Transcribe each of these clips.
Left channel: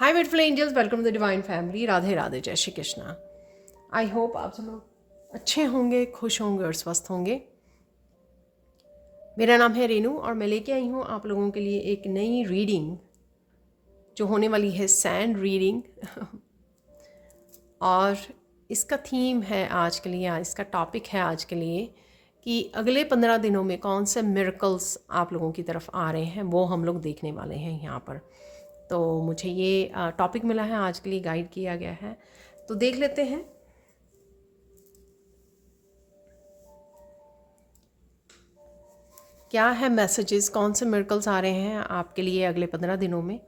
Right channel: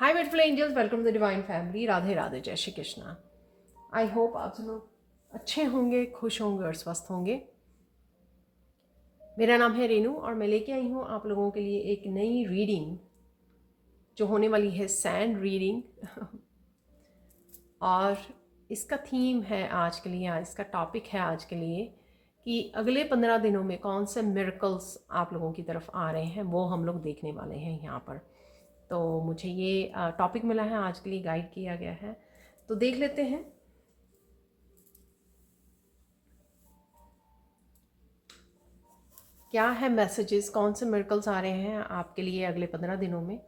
Hi beautiful angels, welcome to the divine family. Radhe Radhe, जय Shri Krishna. I hope आप सब लोग अच्छे होंगे, खुश होंगे और स्वस्थ होंगे। मेरा नाम है रेनू और मैं लेके आई हूँ आप लोगों के लिए एक नई रीडिंग जो होने वाली है सैंड रीडिंग। और इसका थीम है आज के लिए, इसका टॉपिक है आज के लिए कि अगले 15 दिनों में कौन से मिरेकल्स आप लोगों की तरफ आ रहे हैं, वो हम लोग देखने वाले हैं यहाँ पर। तो मुझे ये टॉपिक मिला है, आज के लिए गाइड किया गया है, तो देख लेते हैं क्या है मैसेजेस, कौन से मिरेकल्स आ रहे हैं आपके लिए अगले 15 दिनों में।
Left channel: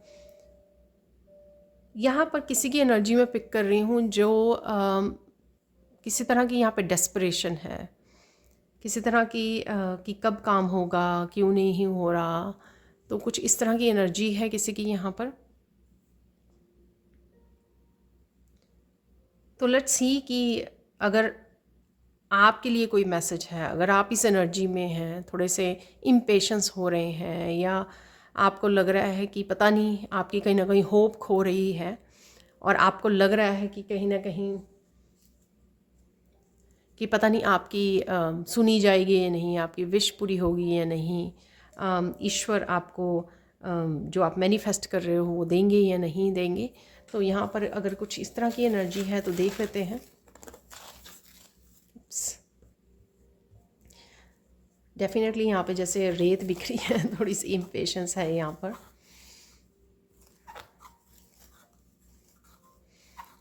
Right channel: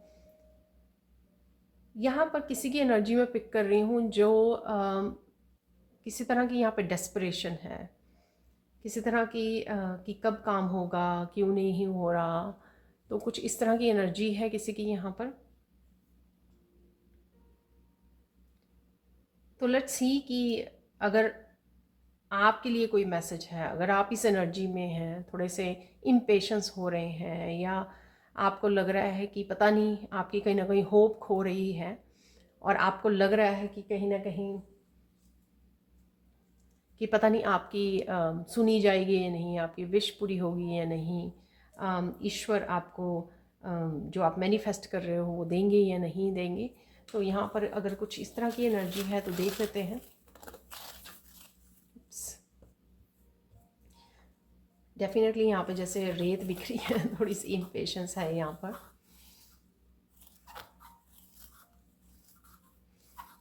यहाँ पर किसी की एनर्जी में पिक कर रही हूँ जो किसी तरह की यहाँ पे डेस्परेशन है, किसी तरह की कि कब काम होगा, क्यों नहीं हो रहा। तो कुछ इस तरह की एनर्जी है किसी की यहाँ पर। तो लेट्स सी कि अगर आपके लिए कोई मैसेज है, अगर आप इस एनर्जी में हैं, थोड़े से इम्पेशंस हो रहे हैं, या आपको लग रहा है कि पता नहीं, आपकी कहीं ना कहीं होप खो रही है और आपको लग रहा है कि कहीं ना कहीं कि पता नहीं आपकी सुनी जाएगी या नहीं, आपकी विश पूरी होगी या नहीं, ईश्वर आपको जो आप मैनिफेस्ट कर रहे हो वो देंगे या नहीं देंगे। तो यहाँ पर अगर कुछ इस तरह की एनर्जी है तो देख लेते हैं। डेफिनेटली यहाँ पे जैसे रेत बिखरी है, थोड़ी सी इम्पेशंस है यहाँ पर।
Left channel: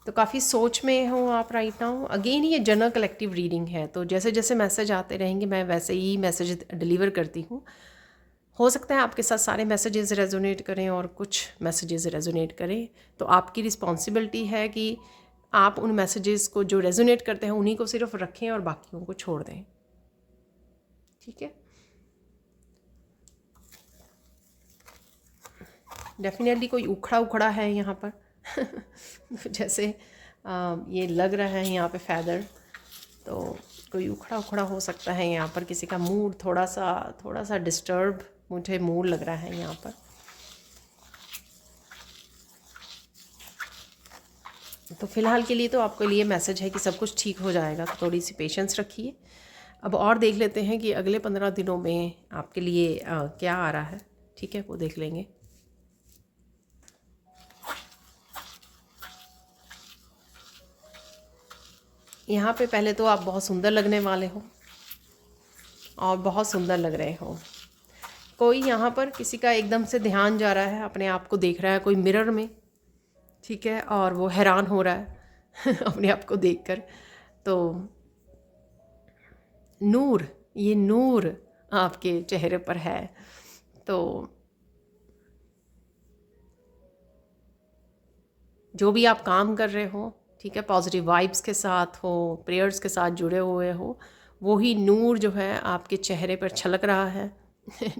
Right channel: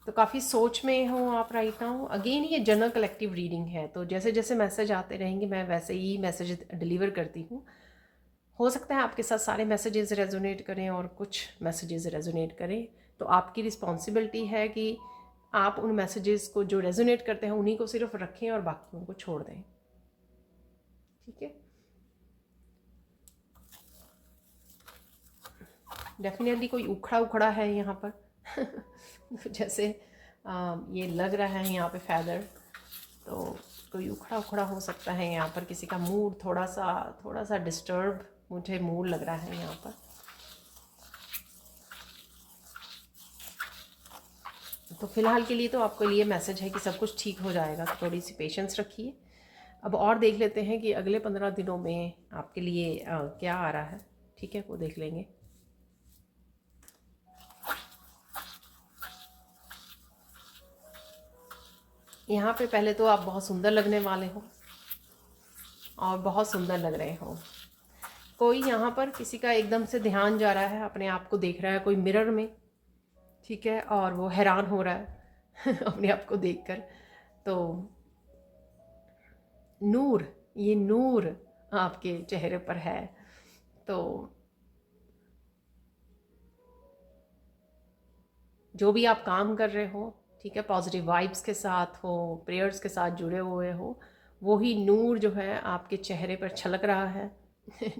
तो काफ़ी सोच में हो आप राइट नाउ। अगेन ये जनरल कलेक्टिव रीडिंग है, तो जैसे जैसे मैसेज आते रहेंगे मैं वैसे ही मैसेज डिलीवर करती हूँ। हो सकता है आपके साथ सारे मैसेजेस रेजोनेट करें और कुछ मैसेजेस रेजोनेट करें, तो आपकी रिस्पॉन्सिबिलिटी है कि आप उन मैसेजेस को जो रेजोनेट करते हैं उन्हीं को सिर्फ रखें और बाकियों को छोड़ दें। ठीक है, डेफिनेटली कोई उखड़ा उखड़ा है यहाँ पर। जैसे ये लग रहा है यहाँ पे फैदर, तो कोई उखड़ा उखड़ा हो सकता है यहाँ पर। किसी का मूड थोड़ा सा डिस्टर्ब मुझे मूड लग रहा है यहाँ पर। तो फ़िलहाल के लिए तो आपके लिए मैसेज है कि सब कुछ ठीक हो जाएगा, तो थोड़ी सी पेशेंस रखिए। अब और देख लेते हैं कि अगले 15 दिनों में आपके लिए क्या आ रहा है। ठीक है, वो देख लेंगे। यहाँ पे पहले तो आप बहुत सुंदर लगने वाले हो और बहुत सुंदर लग रहे हो। कोई यहाँ पर किसी का एकदम से ध्यान जा रहा है, अपने आप को देख रहा है कोई मिरर में, ठीक है, और वो हैरान हो रहा है अपने आप को देखकर। तो नूर, ये नूर आपके चेहरे पर है। तो जो भी आप काम कर रहे हो, ठीक है, पॉजिटिव वाइब्स के साथ हो, प्रेयर्स के साथ जुड़े हुए हो, वही नूर जो है आपके चेहरे पर छलक रहा है।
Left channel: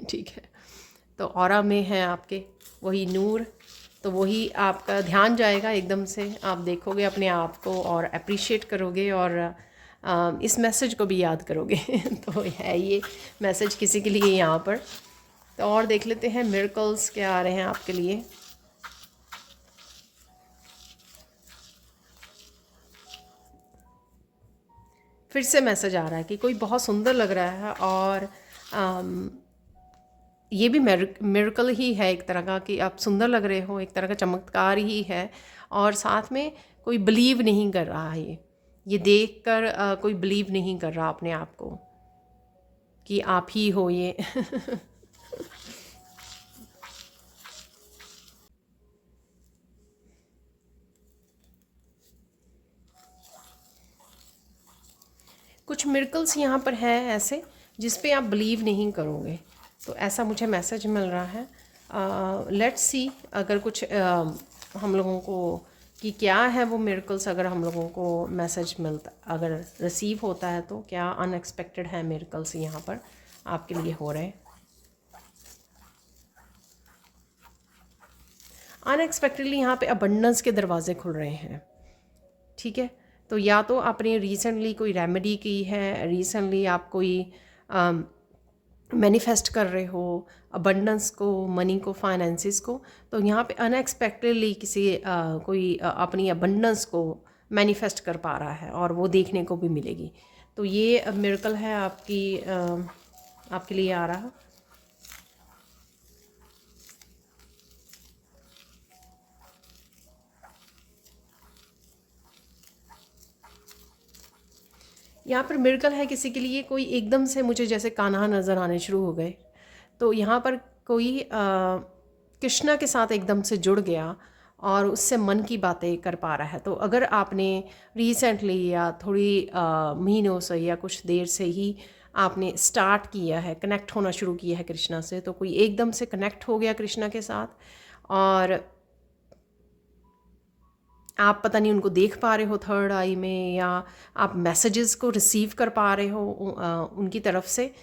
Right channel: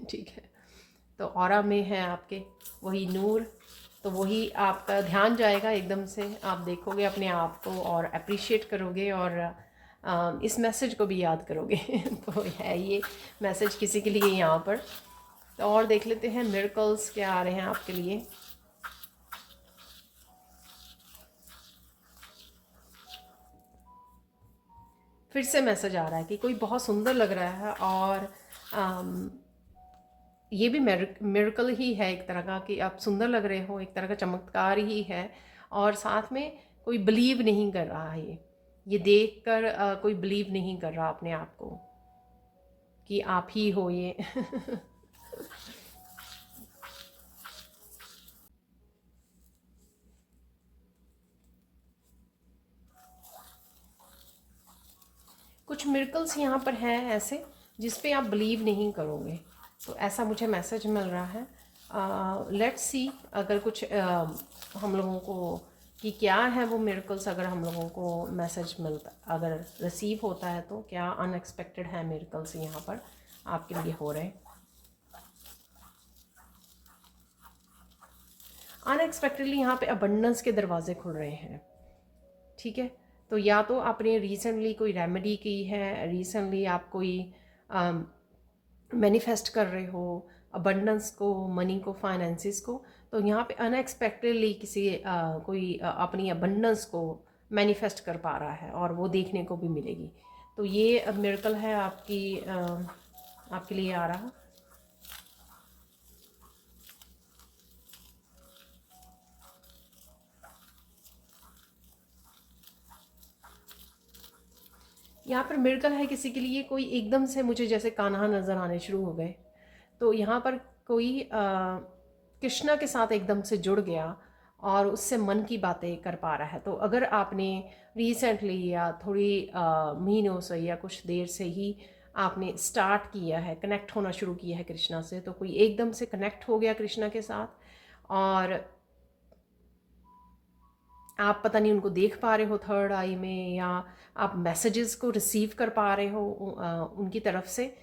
ठीक है, तो ऑरा में है आपके वही नूर। तो वही आपका ध्यान जाएगा एकदम से, आप देखोगे अपने आप को और अप्रिशिएट करोगे और इस मैसेज को भी याद करोगे। तो है ये मैसेज किसी के लिए यहाँ पर। तो और देख लेते हैं मिरेकल्स क्या आ रहे हैं आपके लिए। फिर से मैसेज आ रहा है कि कोई बहुत सुंदर लग रहा है और ये भी मिरेकल ही है एक तरह का, कि आप सुंदर लग रहे हो, एक तरह का चमत्कार ही है। और साथ में कोई बिलीव नहीं कर रहा है, ये देख कर कोई बिलीव नहीं कर रहा अपने आप को कि आप ही हो ये। कुछ मिरेकल्स यहाँ पर हैं ऐसे जिस पे आप बिलीव नहीं करोगे, तो ऐसा मुझे मैसेज मिल रहा है। लेट्स सी अगर कुछ हम लोगों को कि क्या है वो मिरेकल्स, अगर हम लोगों को मैसेज मिलता, अगर रिसीव होता है, तो क्या अनएक्सपेक्टेड है मिरेकल्स यहाँ पर आपके लिए हो रहे हैं। अनएक्सपेक्टेडली यहाँ पे अबंडेंस के दरवाजे खुल रहे हैं। ठीक है, तो या तो आपने रिसेंटली कोई रेमेडी की है, रिसेंटली आप कोई मैनिफेस्ट कर रहे हो, अबंडेंस को, मनी को, फाइनेंसिस को। तो यहाँ पे अनएक्सपेक्टेडली किसी कोई अपनी अबंडेंस को मैनिफेस्ट कर पा रहा है और वो देखने को भी मिलेगी। तो ये मिरेकल है आपके लिए आ रहा। यहाँ पर मिरेकल है किसी के लिए, कोई एकदम से मुझे जैसे कान्हा नज़र आने शुरू हो गए। तो यहाँ पर कोई कृष्णा के साथ एकदम से जुड़ गया और उससे मन की बातें कर पा रहा है। तो अगर आपने रिसेंटली या थोड़ी महीनों से या कुछ देर से ही आपने स्टार्ट किया है, कनेक्ट होना शुरू किया है कृष्णा से, तो कोई एकदम से कनेक्ट हो गया कृष्णा के साथ और आप पता नहीं उनको देख पा रहे हो थर्ड आई में, या आप मैसेजेस को रिसीव कर पा रहे हो उनकी तरफ से।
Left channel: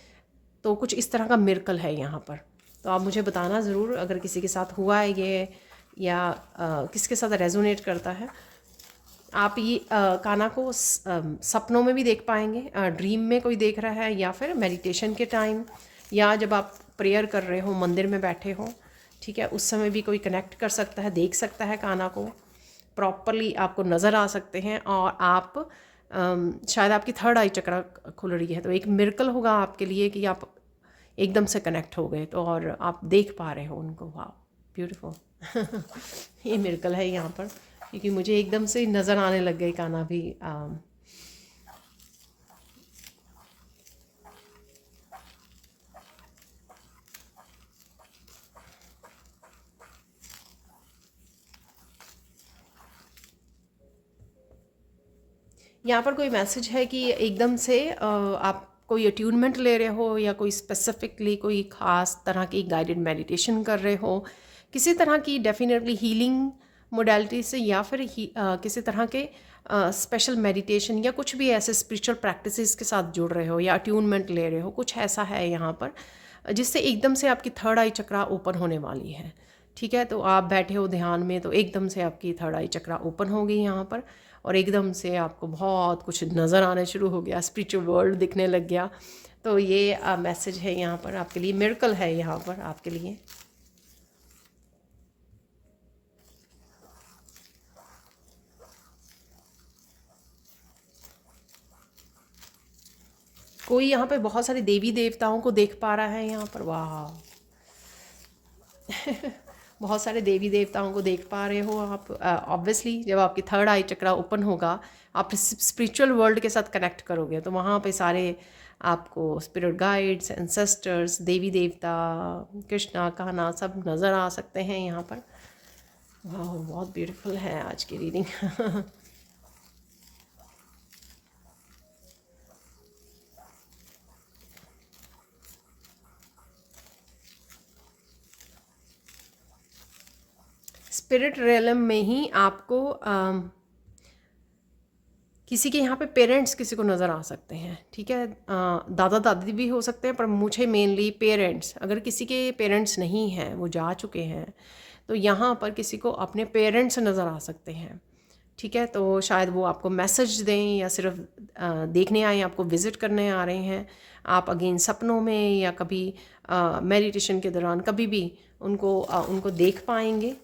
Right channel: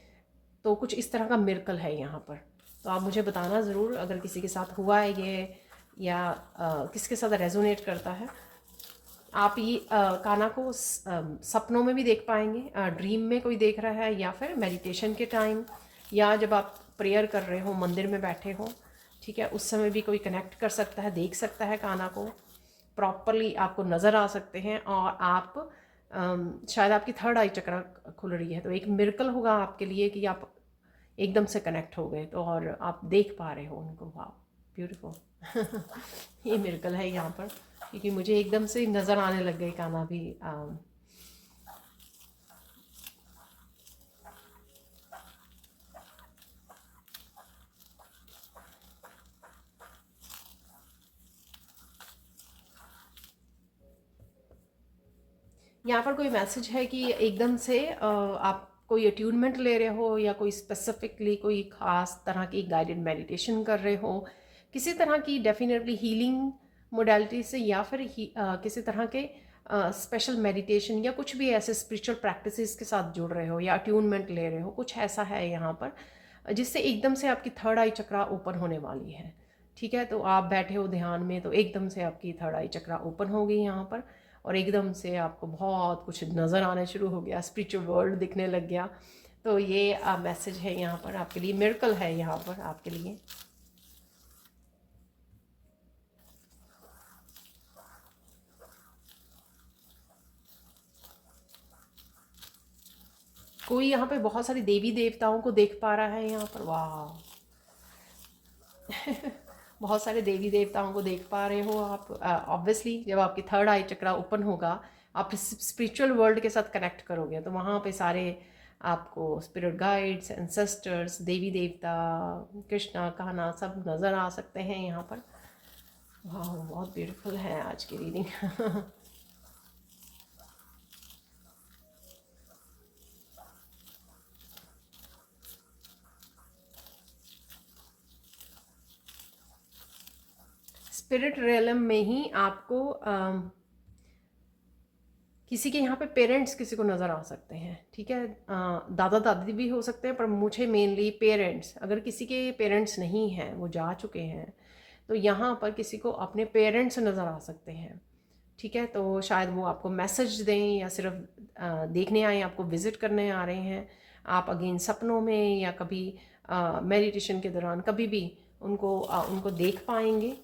तो कुछ इस तरह का मिरेकल है यहाँ पर। तो आप मुझे बताना ज़रूर अगर किसी के साथ हुआ है ये, या किसके साथ रेजोनेट करता है। आप ये काना को सपनों में भी देख पाएंगे, ड्रीम में कोई देख रहा है, या फिर मेडिटेशन के टाइम, या जब आप प्रेयर कर रहे हो मंदिर में बैठे हो, ठीक है, उस समय भी कोई कनेक्ट कर सकता है, देख सकता है काना को प्रॉपरली, आपको नज़र आ सकते हैं। और आप शायद आपकी थर्ड आई चक्र खुल रही है। तो एक मिरेकल होगा आपके लिए कि आप एकदम से कनेक्ट हो गए तो, और आप देख पा रहे हो उनको। वाह, ब्यूटीफुल। ये मिरेकल है यहाँ पर, क्योंकि मुझे एकदम से नज़र आने लग गई काना भी। यहाँ पर कोई मैसेज है कि एकदम से आप कोई अट्यूनमेंट ले रहे हो, या कोई स्पेसिफिकली कोई ख़ास तरह की गाइडेड मेडिटेशन कर रहे हो, किसी तरह की डेफिनेटली हीलिंग मोडालिटी से, या फिर किसी तरह के स्पेशल मेडिटेशन या कुछ भी ऐसे स्पिरिचुअल प्रैक्टिसेस के साथ जुड़ रहे हो, या अट्यूनमेंट ले रहे हो, कुछ ऐसा है यहाँ पर जिससे एकदम से आपकी थर्ड आई चक्रा ओपन होने वाली है। ठीक है, तो आप बैठे हो ध्यान में, तो एकदम से आपकी थर्ड आई चक्रा ओपन हो गई यहाँ पर, और एकदम से आपको बहुत कुछ नज़र आना शुरू हो गया, स्पिरिचुअल वर्ल्ड दिखने लग गया। तो ये मैसेज है यहाँ पर आपके लिए, मिरेकल है यहाँ पर आपके लिए। कोई यहाँ पे बहुत सारे देवी देवताओं को देख पा रहा है यहाँ पर। वाह, बहुत सारे देवी देवताओं को देख पा रहे हो आप। ऑब्वियसली जब आपकी थर्ड आई चक्रा ओपन होगा, आप स्पिरिचुअल वर्ल्ड के साथ कनेक्ट करोगे, तो वहाँ पे सारे आपको स्पिरिट गाइड्स, एंसेस्टर्स, देवी देवता, कृष्णा, कान्हा सब नज़र आ सकते हैं यहाँ पर। बहुत ब्यूटीफुल है आज की रीडिंग। स्पिरिट रियलम में ही आपको किसी के यहाँ पे पेरेंट्स किसी को नज़र आ सकते हैं। ठीक है, दादा दादी भी हो सकते हैं, पर मुझे मेनली पेरेंट्स, अगर किसी के पेरेंट्स नहीं हैं, वो जा चुके हैं, तो यहाँ पर किसी को अपने पेरेंट्स नज़र आ सकते हैं। ठीक है, तो शायद वो आपको मैसेज दें, या सिर्फ देखने आए, आपको विज़िट करने आ रहे हैं। आप अगेन सपनों में या कभी मेडिटेशन के दौरान कभी भी उनको देख पाएंगे।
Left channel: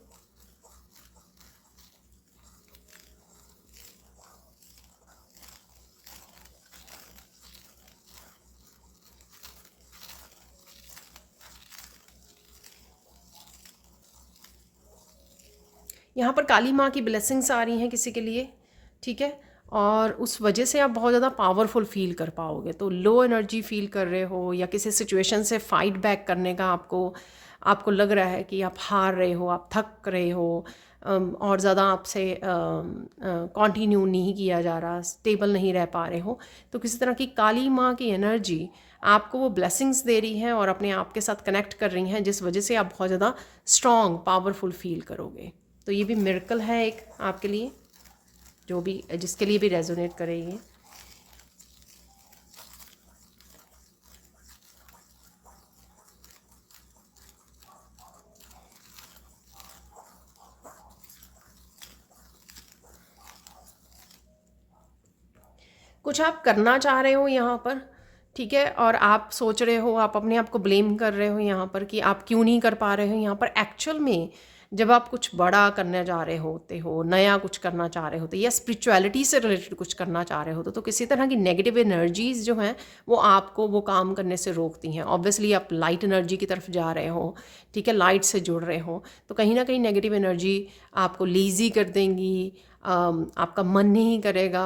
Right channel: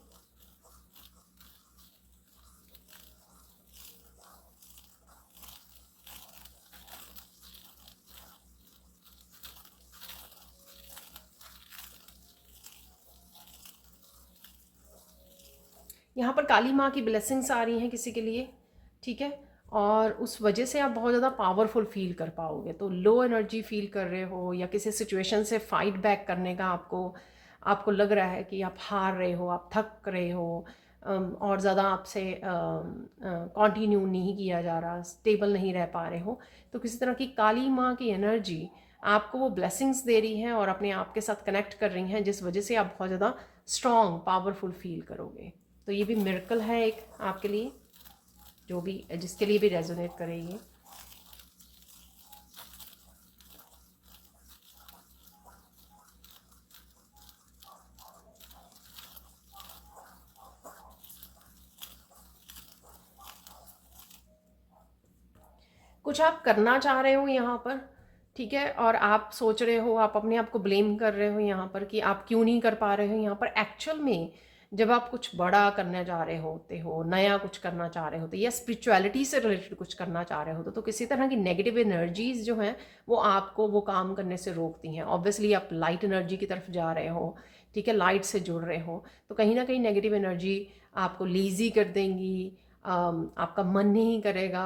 यहाँ पर काली माँ की ब्लेसिंग्स आ रही हैं किसी के लिए। ठीक है, और उस वजह से आप बहुत ज़्यादा पावरफुल फील कर पाओगे। तो लो एनर्जी फील कर रहे हो, या किसी सिचुएशन से फाइट बैक करने का आपको लग रहा है कि आप हार रहे हो, आप थक रहे हो, और ज़्यादा आपसे कंटिन्यू नहीं किया जा रहा, स्टेबल नहीं रह पा रहे हो, तो किसी तरह की काली माँ की एनर्जी आपको वो ब्लेसिंग्स दे रही हैं और अपने आप के साथ कनेक्ट कर रही हैं, जिस वजह से आप बहुत ज़्यादा स्ट्रॉन्ग पावरफुल फील करोगे। तो ये भी मिरेकल है एक आपके लिए, जो भी जिसके लिए भी रेजोनेट करेंगे। कुछ आप करना चाह रहे हो यहाँ पर, ठीक है, और आप सोच रहे हो, आप अपने आप को ब्लेम कर रहे हो यहाँ पर कि आप क्यों नहीं कर पा रहे हो यहाँ पर। एक्चुअल में जब आप कुछ बड़ा करने जा रहे होते हो, नया कुछ करना चाह रहे होते, या स्पिरिचुअलिटी से रिलेटेड कुछ करना चाह रहे होते, तो किसी तरह की नेगेटिव एनर्जीज जो हैं वो आपको वो काम करने से रोकती हैं। ऑब्वियसली आप लाइट एनर्जी की तरफ जा रहे हो, ठीक है, लाइट से जुड़ रहे हो, तो कहीं ना कहीं नेगेटिव एनर्जी आपको लेज़ी कर देंगी। आपका मन नहीं करेगा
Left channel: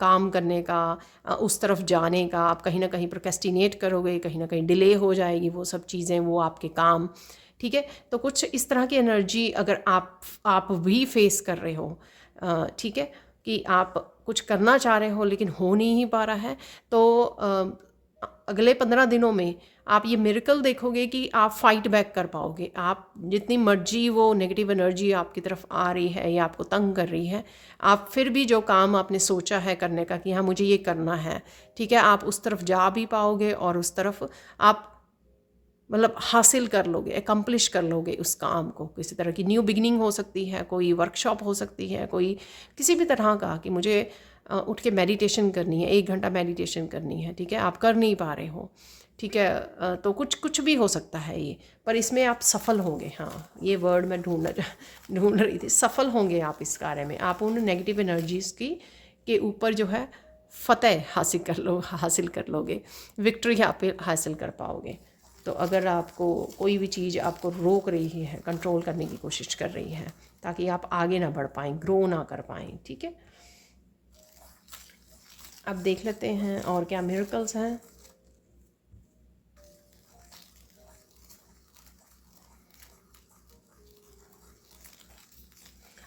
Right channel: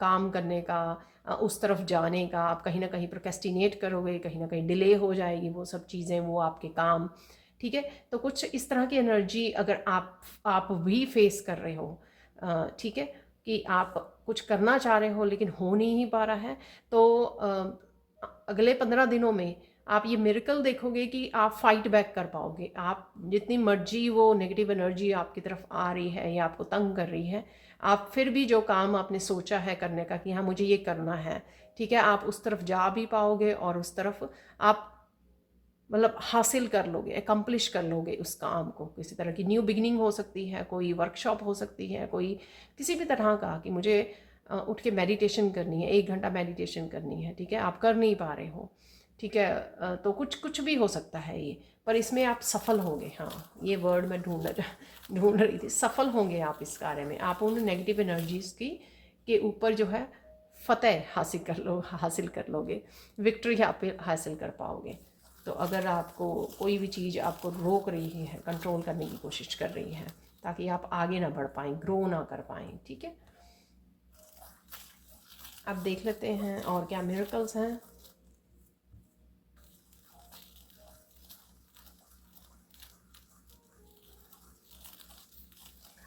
काम करने का, उस तरफ जाने का। आप कहीं ना कहीं प्रोक्रेस्टिनेट करोगे, कहीं ना कहीं डिले हो जाएगी वो सब चीज़ें, वो आपके काम। ठीक है, तो कुछ इस तरह की एनर्जी अगर आप भी फेस कर रहे हो, ठीक है, कि आप कुछ करना चाह रहे हो लेकिन हो नहीं पा रहा है, तो अगले 15 दिनों में आप ये मिरेकल देखोगे कि आप फाइट बैक कर पाओगे। आप जितनी मर्जी वो नेगेटिव एनर्जी आपकी तरफ आ रही है या आपको तंग कर रही है, आप फिर भी जो काम आपने सोचा है करने का कि हाँ मुझे ये करना है, ठीक है, आप उस तरफ जा भी पाओगे और उस तरफ आप मतलब हासिल कर लोगे, एकम्प्लिश कर लोगे उस काम को। किसी तरह की न्यू बिगिनिंग हो सकती है, कोई वर्कशॉप हो सकती है, कोई किसी भी तरह का कि मुझे उठ के मेडिटेशन करनी है, 1 घंटा मेडिटेशन करनी है, ठीक है, आप कर नहीं पा रहे हो, ठीक है, तो कुछ कुछ भी हो सकता है ये, पर इसमें आप सफल होंगे। हाँ, ये वर्ड मैं ढूंढ रही थी, सफल होंगे आप इस कार्य में। आप उन नेगेटिव एनर्जीज़ की के ऊपर जो है फ़तेह हासिल कर लोगे, विक्ट्री आप हासिल कर पाओगे। तो अगर आपको कोई भी चीज़ आपको रोक रही है, कंट्रोल करने की कोशिश कर रही है ताकि आप आगे ना बढ़ पाएँ, ग्रो ना कर पाएँ, ठीक है। अब देख लेते हैं और क्या मिरेकल्स हैं।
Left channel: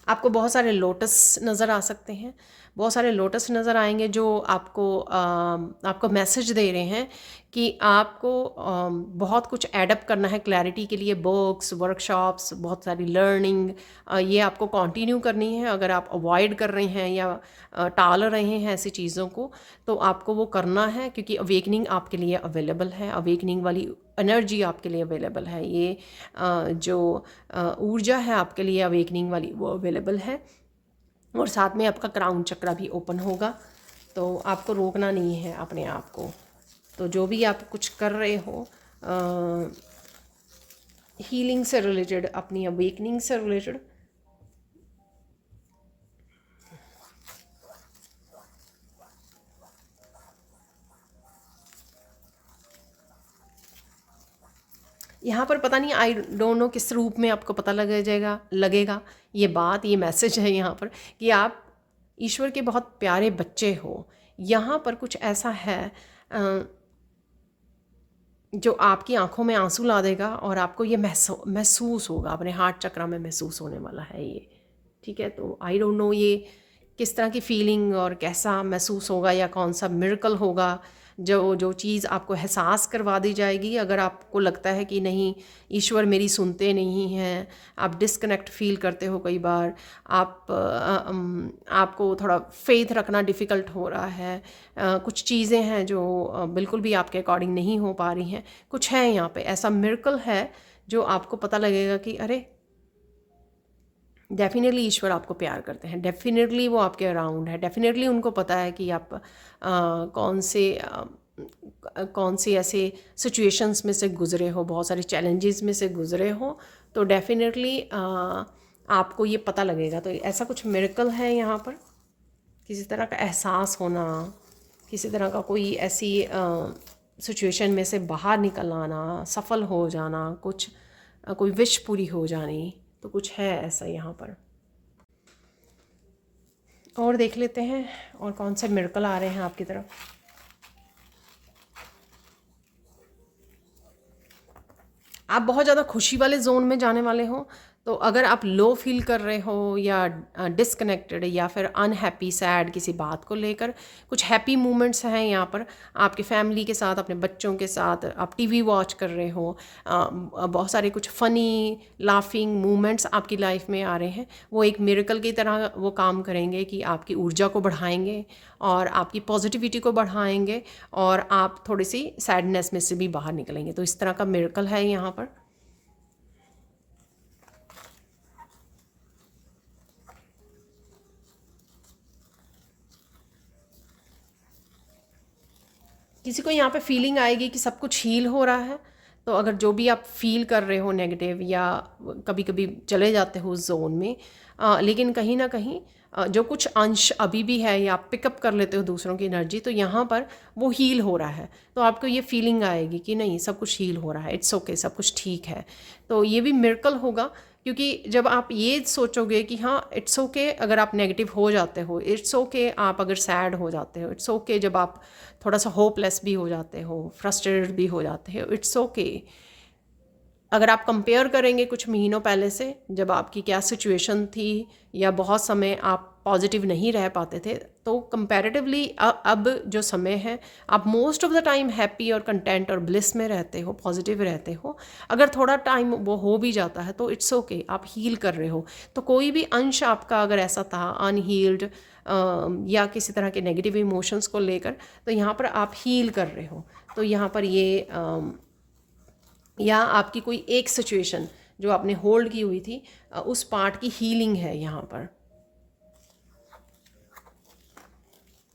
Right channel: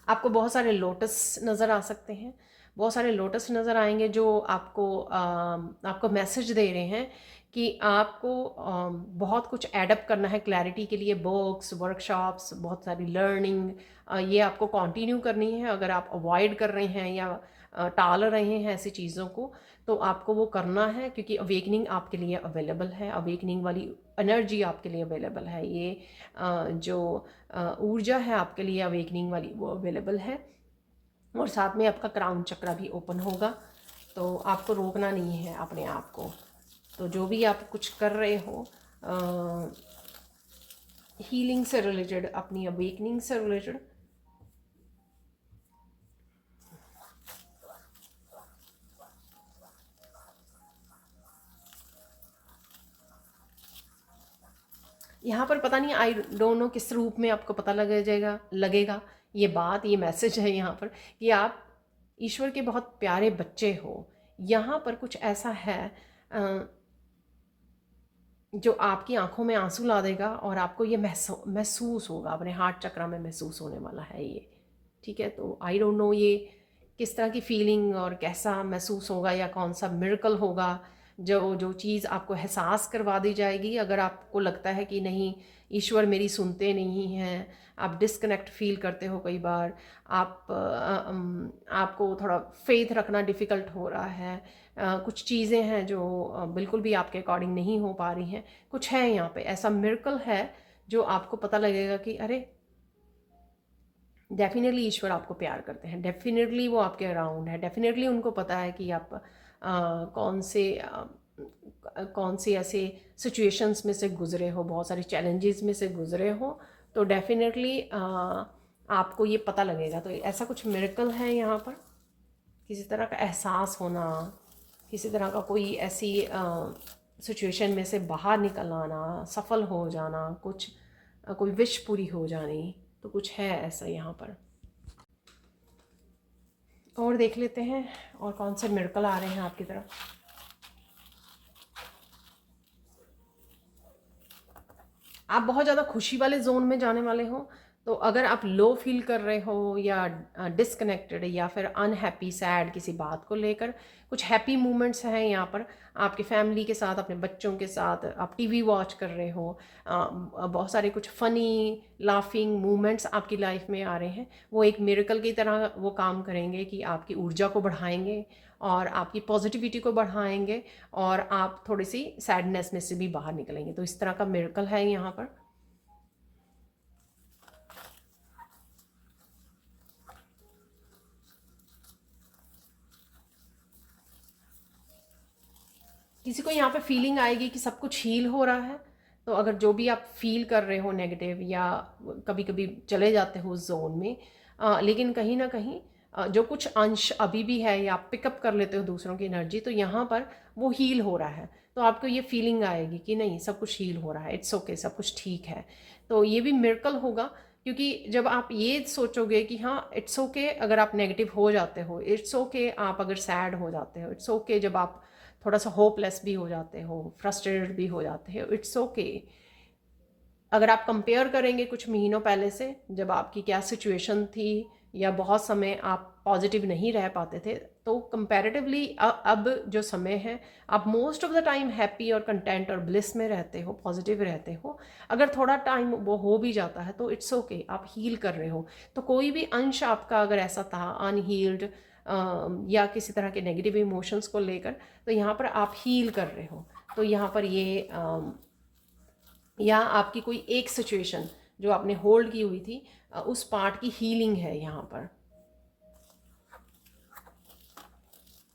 आपको बहुत सारे लोटस नज़र आ सकते हैं, बहुत सारे लोटस नज़र आएंगे जो आपको मैसेज दे रहे हैं कि आपको बहुत कुछ एडअप करना है क्लैरिटी के लिए। बुक्स, वर्कशॉप्स, बहुत सारी लर्निंग, ये आपको कंटिन्यू करनी है। अगर आप अवॉइड कर रहे हैं या टाल रहे हैं ऐसी चीज़ों को, तो आपको वो करना है, क्योंकि अवेकनिंग आपके लिए अवेलेबल है, अवेकनिंग वाली एनर्जी आपके लिए अवेलेबल है। ये जो ऊर्जा है आपके लिए अवेकनिंग वाली, वो अवेलेबल है। और साथ में आपका क्राउन चक्रा भी ओपन होगा, तो आपको रोकना नहीं है अपने आप को। तो जो भी आप कुछ कर रहे हो हीलिंग से रिलेटेड, अपनी अवेकनिंग से रिलेटेड, यहाँ पर पता नहीं, आई डोंट नो किस रूप में आपको पता लगेगा ये बात, ये मैसेज है यहाँ पर कि आप ईश्वर के बहुत प्यारे बच्चे हो। यहाँ पर कुछ ऐसा है जो आपकी आंखों में आंसू ला देगा और आपको ये महसूस होगा, अपने हार्ट चक्र में महसूस होने वाला है ये, ठीक है। तो आई डोंट नो ये किस तरह की फीलिंग और कैसा महसूस होगा, या कौन सा मिरेकल होगा जो जो चीज़ आपको एहसास करवा दी जाएगी। अगर आपको लगता है कि नहीं, ईश्वर मेरी सुनते नहीं हैं, आप डिस्कनेक्ट फील करते हो कई बार, आपको थोड़ा फेथ रखना डिफ़िकल्ट हो रहा है, कुछ चीज़ें हैं जो बिल्कुल भी आपके अकॉर्डिंग नहीं हो पा रही हैं, कुछ है यहाँ पे ऐसा मिरेकल है जो आपको पता लगेगा कि अरे डेफिनेटली ईश्वर आपको प्यार करते हैं, डेफिनेटली वो आपके अराउंड है, डेफिनेटली उनको पता है कि आप कौन से ऐसे सिचुएशंस में से गुज़रे हो, बहुत सारे चैलेंजेस में से गुज़रे हो, तो डेफिनेटली आपको ये पता लगेगा। तो ऐसा कुछ मिरेकल है यहाँ पर, किसी तरह का एहसास होना, किसी तरह का कोई ऐसी सिचुएशन में से बाहर निकल आना, सफल हो जाना, कुछ कोई विश पूरी हो जानी, तो कुछ है ऐसा यहाँ पर। और देख लेते हैं और कौन से मिरेकल आ रहे हैं आपकी तरफ। आप बहुत ज़्यादा खुशी वाले जोन में जाने वाले हो, तो अगर आप लो फील कर रहे हो या डिसकनेक्टेड या फिर अनहैप्पी, सैड किसी बात को लेकर, कुछ हैप्पी मोमेंट्स हैं यहाँ पर आपके फैमिली के साथ, अपने बच्चों के साथ, आप टीवी वॉच कर रहे हो, बहुत सारे कुछ फ़नी लाफिंग मोमेंट्स आपकी लाइफ में आ रहे हैं। वो एक मिरेकल की तरह वो काम करेंगे कि आपकी ऊर्जा को बढ़ाएंगे और आपकी पॉजिटिविटी को बढ़ाएंगे, और आप थोड़ी सी सैडनेस में से भी बाहर निकलेंगे। तो इस तरह का मिरेकल है यहाँ पर। किसी को यहाँ पे फीलिंग आएगी कि सब कुछ हील हो रहा है। तो अगर जो भी आप फील कर रहे हो नेगेटिव, या कभी कभी चले जाते हो उस जोन में, लेकिन कहीं ना कहीं जो कुछ अंश अभी भी है, या आप पिकअप कर लेते हो दूसरों की एनर्जी, तो यहाँ पर वो हील हो रहा है। तो आपको ये फीलिंग आएगी कि नहीं, सब कुछ हील हो रहा है, इट्स ओके, सब कुछ ठीक है। तो ये भी मिरेकल होगा, क्योंकि जब आप ये सोचोगे कि हाँ इट्स ओके, अगर आप नेगेटिव हो जाते हो, इट्स ओके आप अगर सैड हो जाते हो, इट्स ओके जब आप थोड़ा सा होपलेस भी हो जाते हो, फ्रस्ट्रेटेड भी हो जाते हो, इट्स ओके। अगर आप कंपेयर करेंगे कुछ महीनों पहले से, जब आपकी क्या सिचुएशन थी, या बहुत समय आप पॉजिटिव नहीं रह पाते थे, तो कंपैरेटिवली अब जो समय है, आप most of the time happy और कंटेंट और ब्लिस में रहते हो, पॉजिटिव रहते हो। अगर थोड़ा टाइम वो हो भी जाता है तो इट्स ओके, आप हील कर रहे हो। तो कोई भी अंश आपका अगर ऐसा था अनहील्ड, या किसी तरह के नेगेटिव इमोशंस को लेकर, तो यहाँ पर आप हील कर रहे हो। तो यहाँ पर ये या आपकी कोई एक सिचुएशन जो आपने होल्ड की हुई थी, उस पार्ट की हीलिंग है यहाँ पर।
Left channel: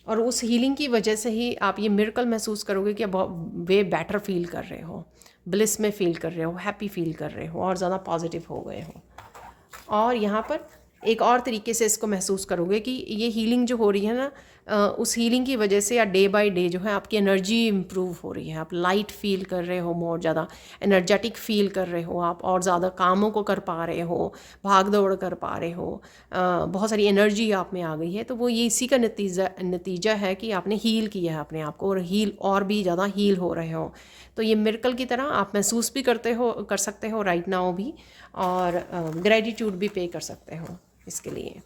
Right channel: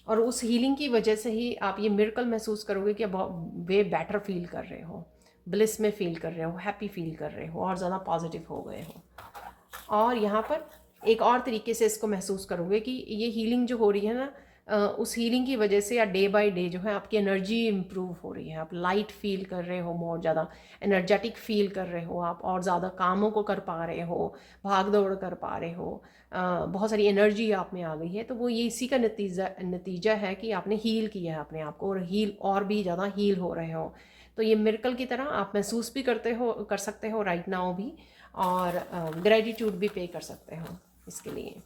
और उस हीलिंग की वजह से ही आप ये मिरेकल महसूस करोगे कि वे बेटर फील कर रहे हो, ब्लिस में फील कर रहे हो, हैप्पी फील कर रहे हो, और ज़्यादा पॉजिटिव हो गए हो। और यहाँ पर एक और तरीके से इसको महसूस करोगे कि ये हीलिंग जो हो रही है ना, उस हीलिंग की वजह से, या डे बाय डे जो है आपकी एनर्जी इम्प्रूव हो रही है, आप लाइट फील कर रहे हो, बहुत ज़्यादा एनर्जेटिक फील कर रहे हो आप, और ज़्यादा कामों को कर पा रहे हो, भाग दौड़ कर पा रहे हो, बहुत सारी एनर्जी आप में आ गई है। तो वो ये इसी का नतीजा है कि आपने हील किया है अपने आप को, और हील और भी ज़्यादा हील हो रहे हो। तो ये मिरेकल की तरह आप महसूस भी कर सकते हो राइट नाउ भी, और ग्रेटिट्यूड भी पे कर सकते हो इसके लिए।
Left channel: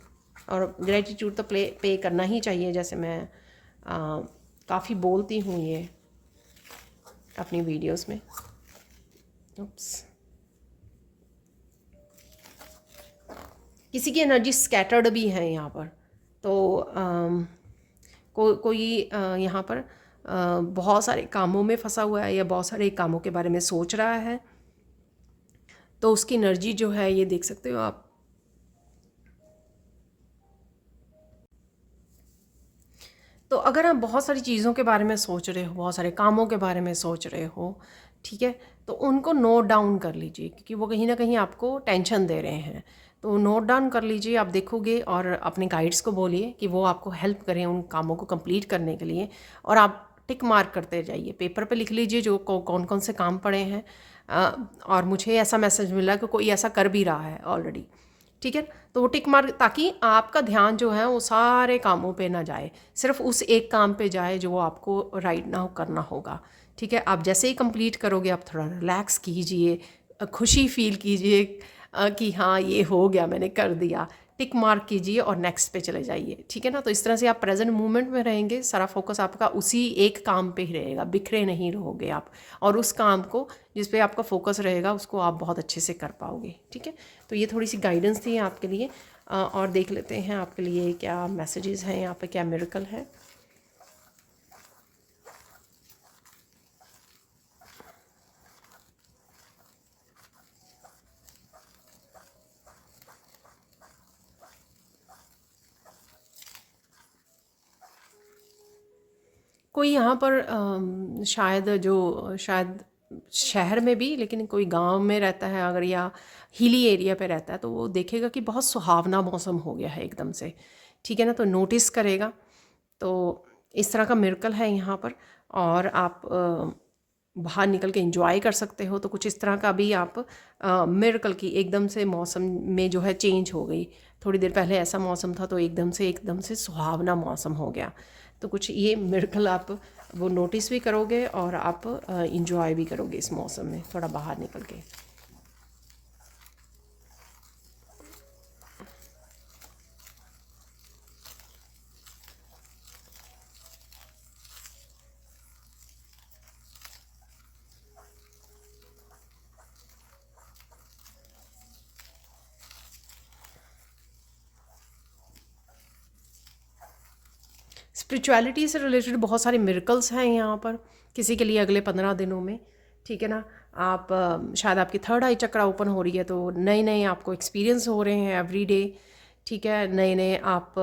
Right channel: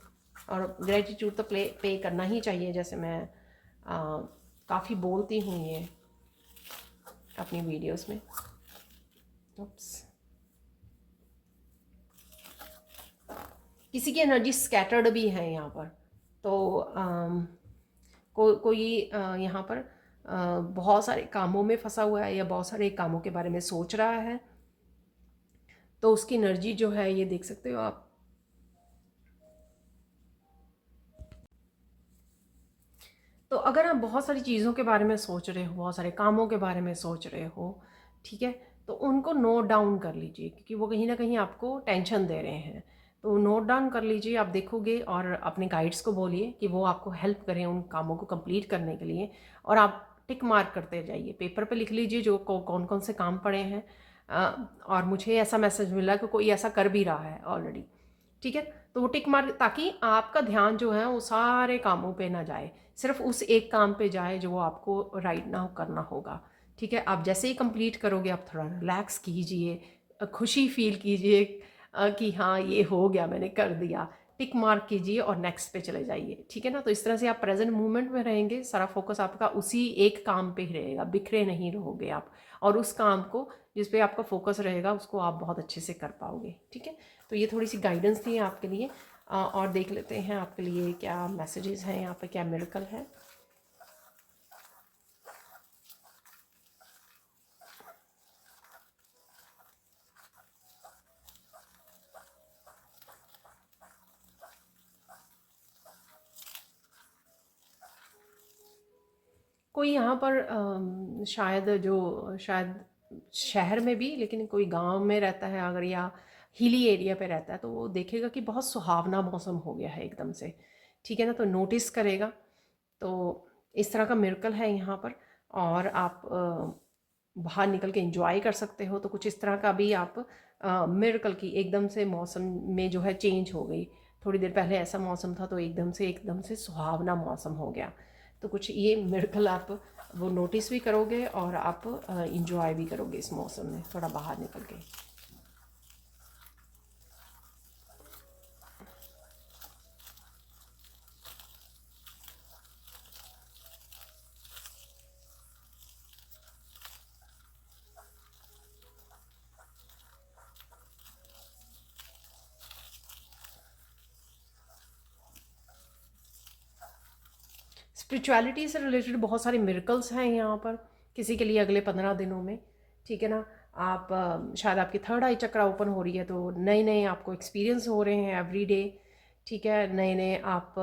और ग्रेटिट्यूड तो पे करना ही चाहिए, जैसे मैं काफ़ी बोलती हूँ ये अपनी वीडियोस में। उप्स, किसी की एनर्जी स्कैटर्ड भी है यहाँ पर। तो कोई यहाँ पर बहुत सारे कामों में फंसा हुआ है, या बहुत सारे कामों के बारे में सोच रहा है, तो उसकी एनर्जी जो है ये देख सकते हो आप। तो अगर आप बहुत सारी चीज़ों के बारे में सोच रहे हो, बहुत सारे कामों के बारे में सोच रहे हो, ठीक है, तो उनको नोट डाउन कर लीजिए, क्योंकि वो कहीं ना कहीं आपको टेंशन दे रहे हैं। तो नोट डाउन कर लीजिए, आप देखोगे, और अपने गाइड्स को बोलिए कि वो आपको हेल्प करें उन कामों को कंप्लीट करने के लिए। और आप टिक मार्क करते जाइए, पेपर पे लिख लीजिए जो कौन कौन से काम पड़े हैं। और मुझे ऐसा मैसेज मिला कि कोई ऐसा कर भी रहा है ऑलरेडी, ठीक है। तो वो टिक मार्क, ताकि आपका ध्यान जो है वो सारे कामों पे ना जाए, सिर्फ उस एक काम पे जाए जो आपको राइट नाउ करना होगा, ठीक है। आप जैसे ही कंप्लीट करोगे, आप थोड़ा रिलैक्स कीजिए, खुशी फील कीजिए कि हाँ ये हो गया, मैंने कर दिया, टिक मार्क कीजिए और नेक्स्ट पे चले जाइए, ठीक है ना। तो इस तरह से आप प्रेजेंट मोमेंट में रहेंगे, सारा फोकस आपका उसी एक काम पे ही रहेगा, बिखरे नहीं रहोगे आप। और उस काम को जिस पे आपका फोकस रहेगा उसको आप बहुत अच्छे से कर पाओगे, ठीक है। तो ये थोड़ी सी गाइडेंस थी आपके लिए। और देख लेते हैं आपके लिए क्या मैसेजेस हैं यहाँ पे, क्या मिरेकल है। कोई यहाँ पर शायद शहर में भी, लेकिन कोई गांव में रहता है अगर, या हिली एरिया पे रहता है, तो वो देखेगा कि बहुत सुहावना मौसम हो गया है एकदम से, ठीक है ना। तो नोटिस करेगा। तो इस तरह का मिरेकल है यहाँ पर। और आप बाहर निकल के एंजॉय कर सकते हो। तो कुछ इस तरह का भी आप मिरेकल की, एकदम से मौसम में जो है चेंज हो गई। थोड़ी देर पहले ऐसा मौसम था, तो एकदम से सुहावना मौसम हो गया। तो कुछ ये मिरेकल आप वो नोटिस भी करोगे, और आप इंजॉय भी करोगे इस मौसम में थोड़ा बाहर निकल के। स्पिरिचुअलिटी से रिलेटेड बहुत सारे मिरेकल्स हैं यहाँ पर, किसी के लिए अगले 15 दिनों में, ठीक है ना। आप शायद आपकी थर्ड आई चक्र ओपन हो रही है, तो नए नए आपको एक्सपीरियंस हो रहे हैं एवरी डे, ठीक है, नए नए आप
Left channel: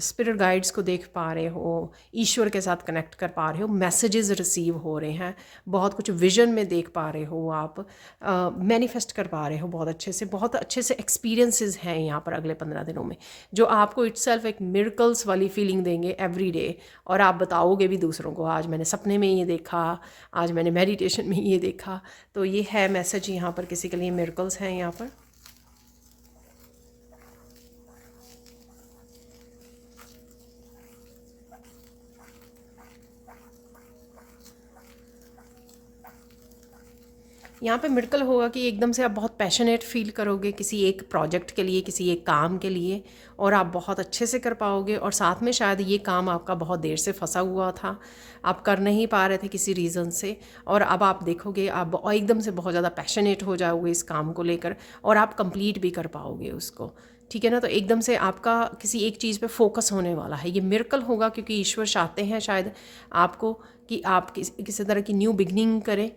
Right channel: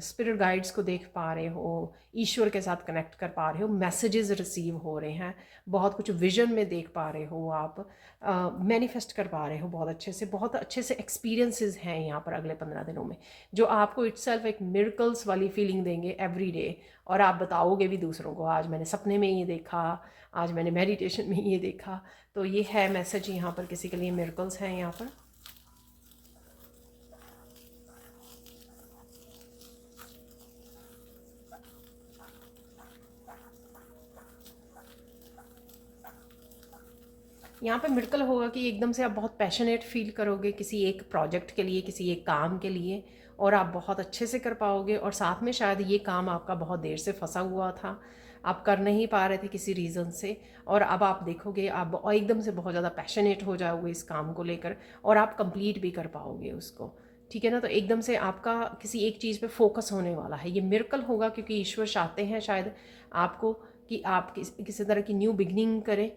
स्पिरिट गाइड्स को देख पा रहे हो, ईश्वर के साथ कनेक्ट कर पा रहे हो, मैसेजेस रिसीव हो रहे हैं, बहुत कुछ विजन में देख पा रहे हो, आप मैनिफेस्ट कर पा रहे हो बहुत अच्छे से एक्सपीरियंसेस हैं यहाँ पर अगले 15 दिनों में, जो आपको इटसेल्फ एक मिरेकल्स वाली फीलिंग देंगे एवरी डे। और आप बताओगे भी दूसरों को, आज मैंने सपने में ये देखा, आज मैंने मेडिटेशन में ये देखा। तो ये है मैसेज यहाँ पर किसी के लिए, मिरेकल्स हैं यहाँ पर। यहाँ पे मिरेकल होगा कि एकदम से आप बहुत पैशनेट फील करोगे किसी एक प्रोजेक्ट के लिए, किसी एक काम के लिए, और आप बहुत अच्छे से कर पाओगे। और साथ में शायद ये काम आपका बहुत देर से फंसा हुआ था, आप कर नहीं पा रहे थे किसी रीज़न से, और अब आप देखोगे आप एकदम से बहुत ज़्यादा पैशनेट हो जाओगे इस काम को लेकर, और आप कंप्लीट भी कर पाओगे उसको। ठीक है ना, तो एकदम से आपका किसी एक चीज़ पे फोकस होने वाला है। ये मिरेकल होगा क्योंकि ईश्वर चाहते हैं शायद आपको कि आप किसी तरह की न्यू बिगनिंग करें,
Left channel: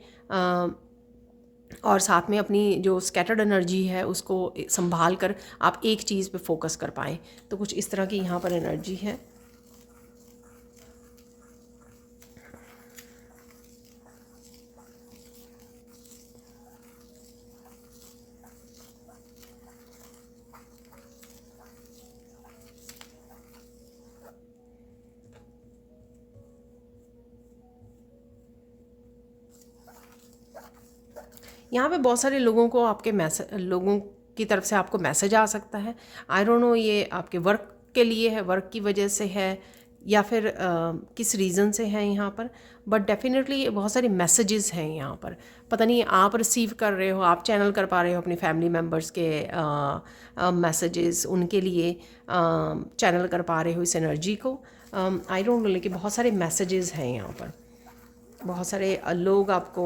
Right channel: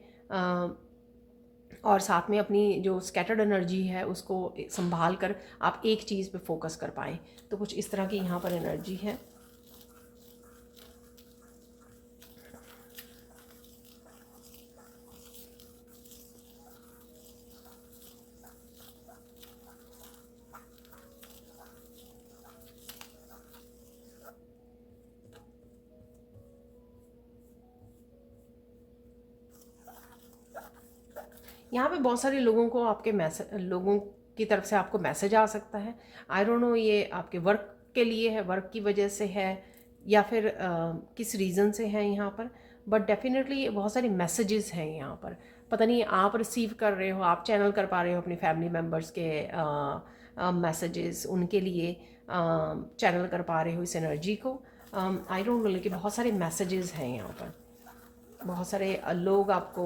और साथ में अपनी जो स्कैटर्ड एनर्जी है उसको संभाल कर आप एक चीज़ पे फोकस कर पाएँ। तो कुछ इस तरह की यहाँ पर एनर्जी है। यहाँ पे बहुत सारे लोगों को आपके लोगों की तरफ से आपको मैसेज आ सकता है। आई डोंट नो ये आपके वर्क के लिए है, वर्क की वजह से है, या फिर किस रीज़न से है यहाँ पर, बट डेफिनेटली ये बहुत सारे मैसेजेस हैं यहाँ पर। पता नहीं आप रिसीव कर रहे हो, आप चैनल कर पा रहे हो अपनी फैमिली मेम्बर्स के मैसेजेस, उनके लिए चैनल कर पा रहे हो इस एनर्जी को। आई डोंट नो, लेकिन बहुत सारे मैसेजेस हैं यहाँ पर। बहुत सारे लोग आपको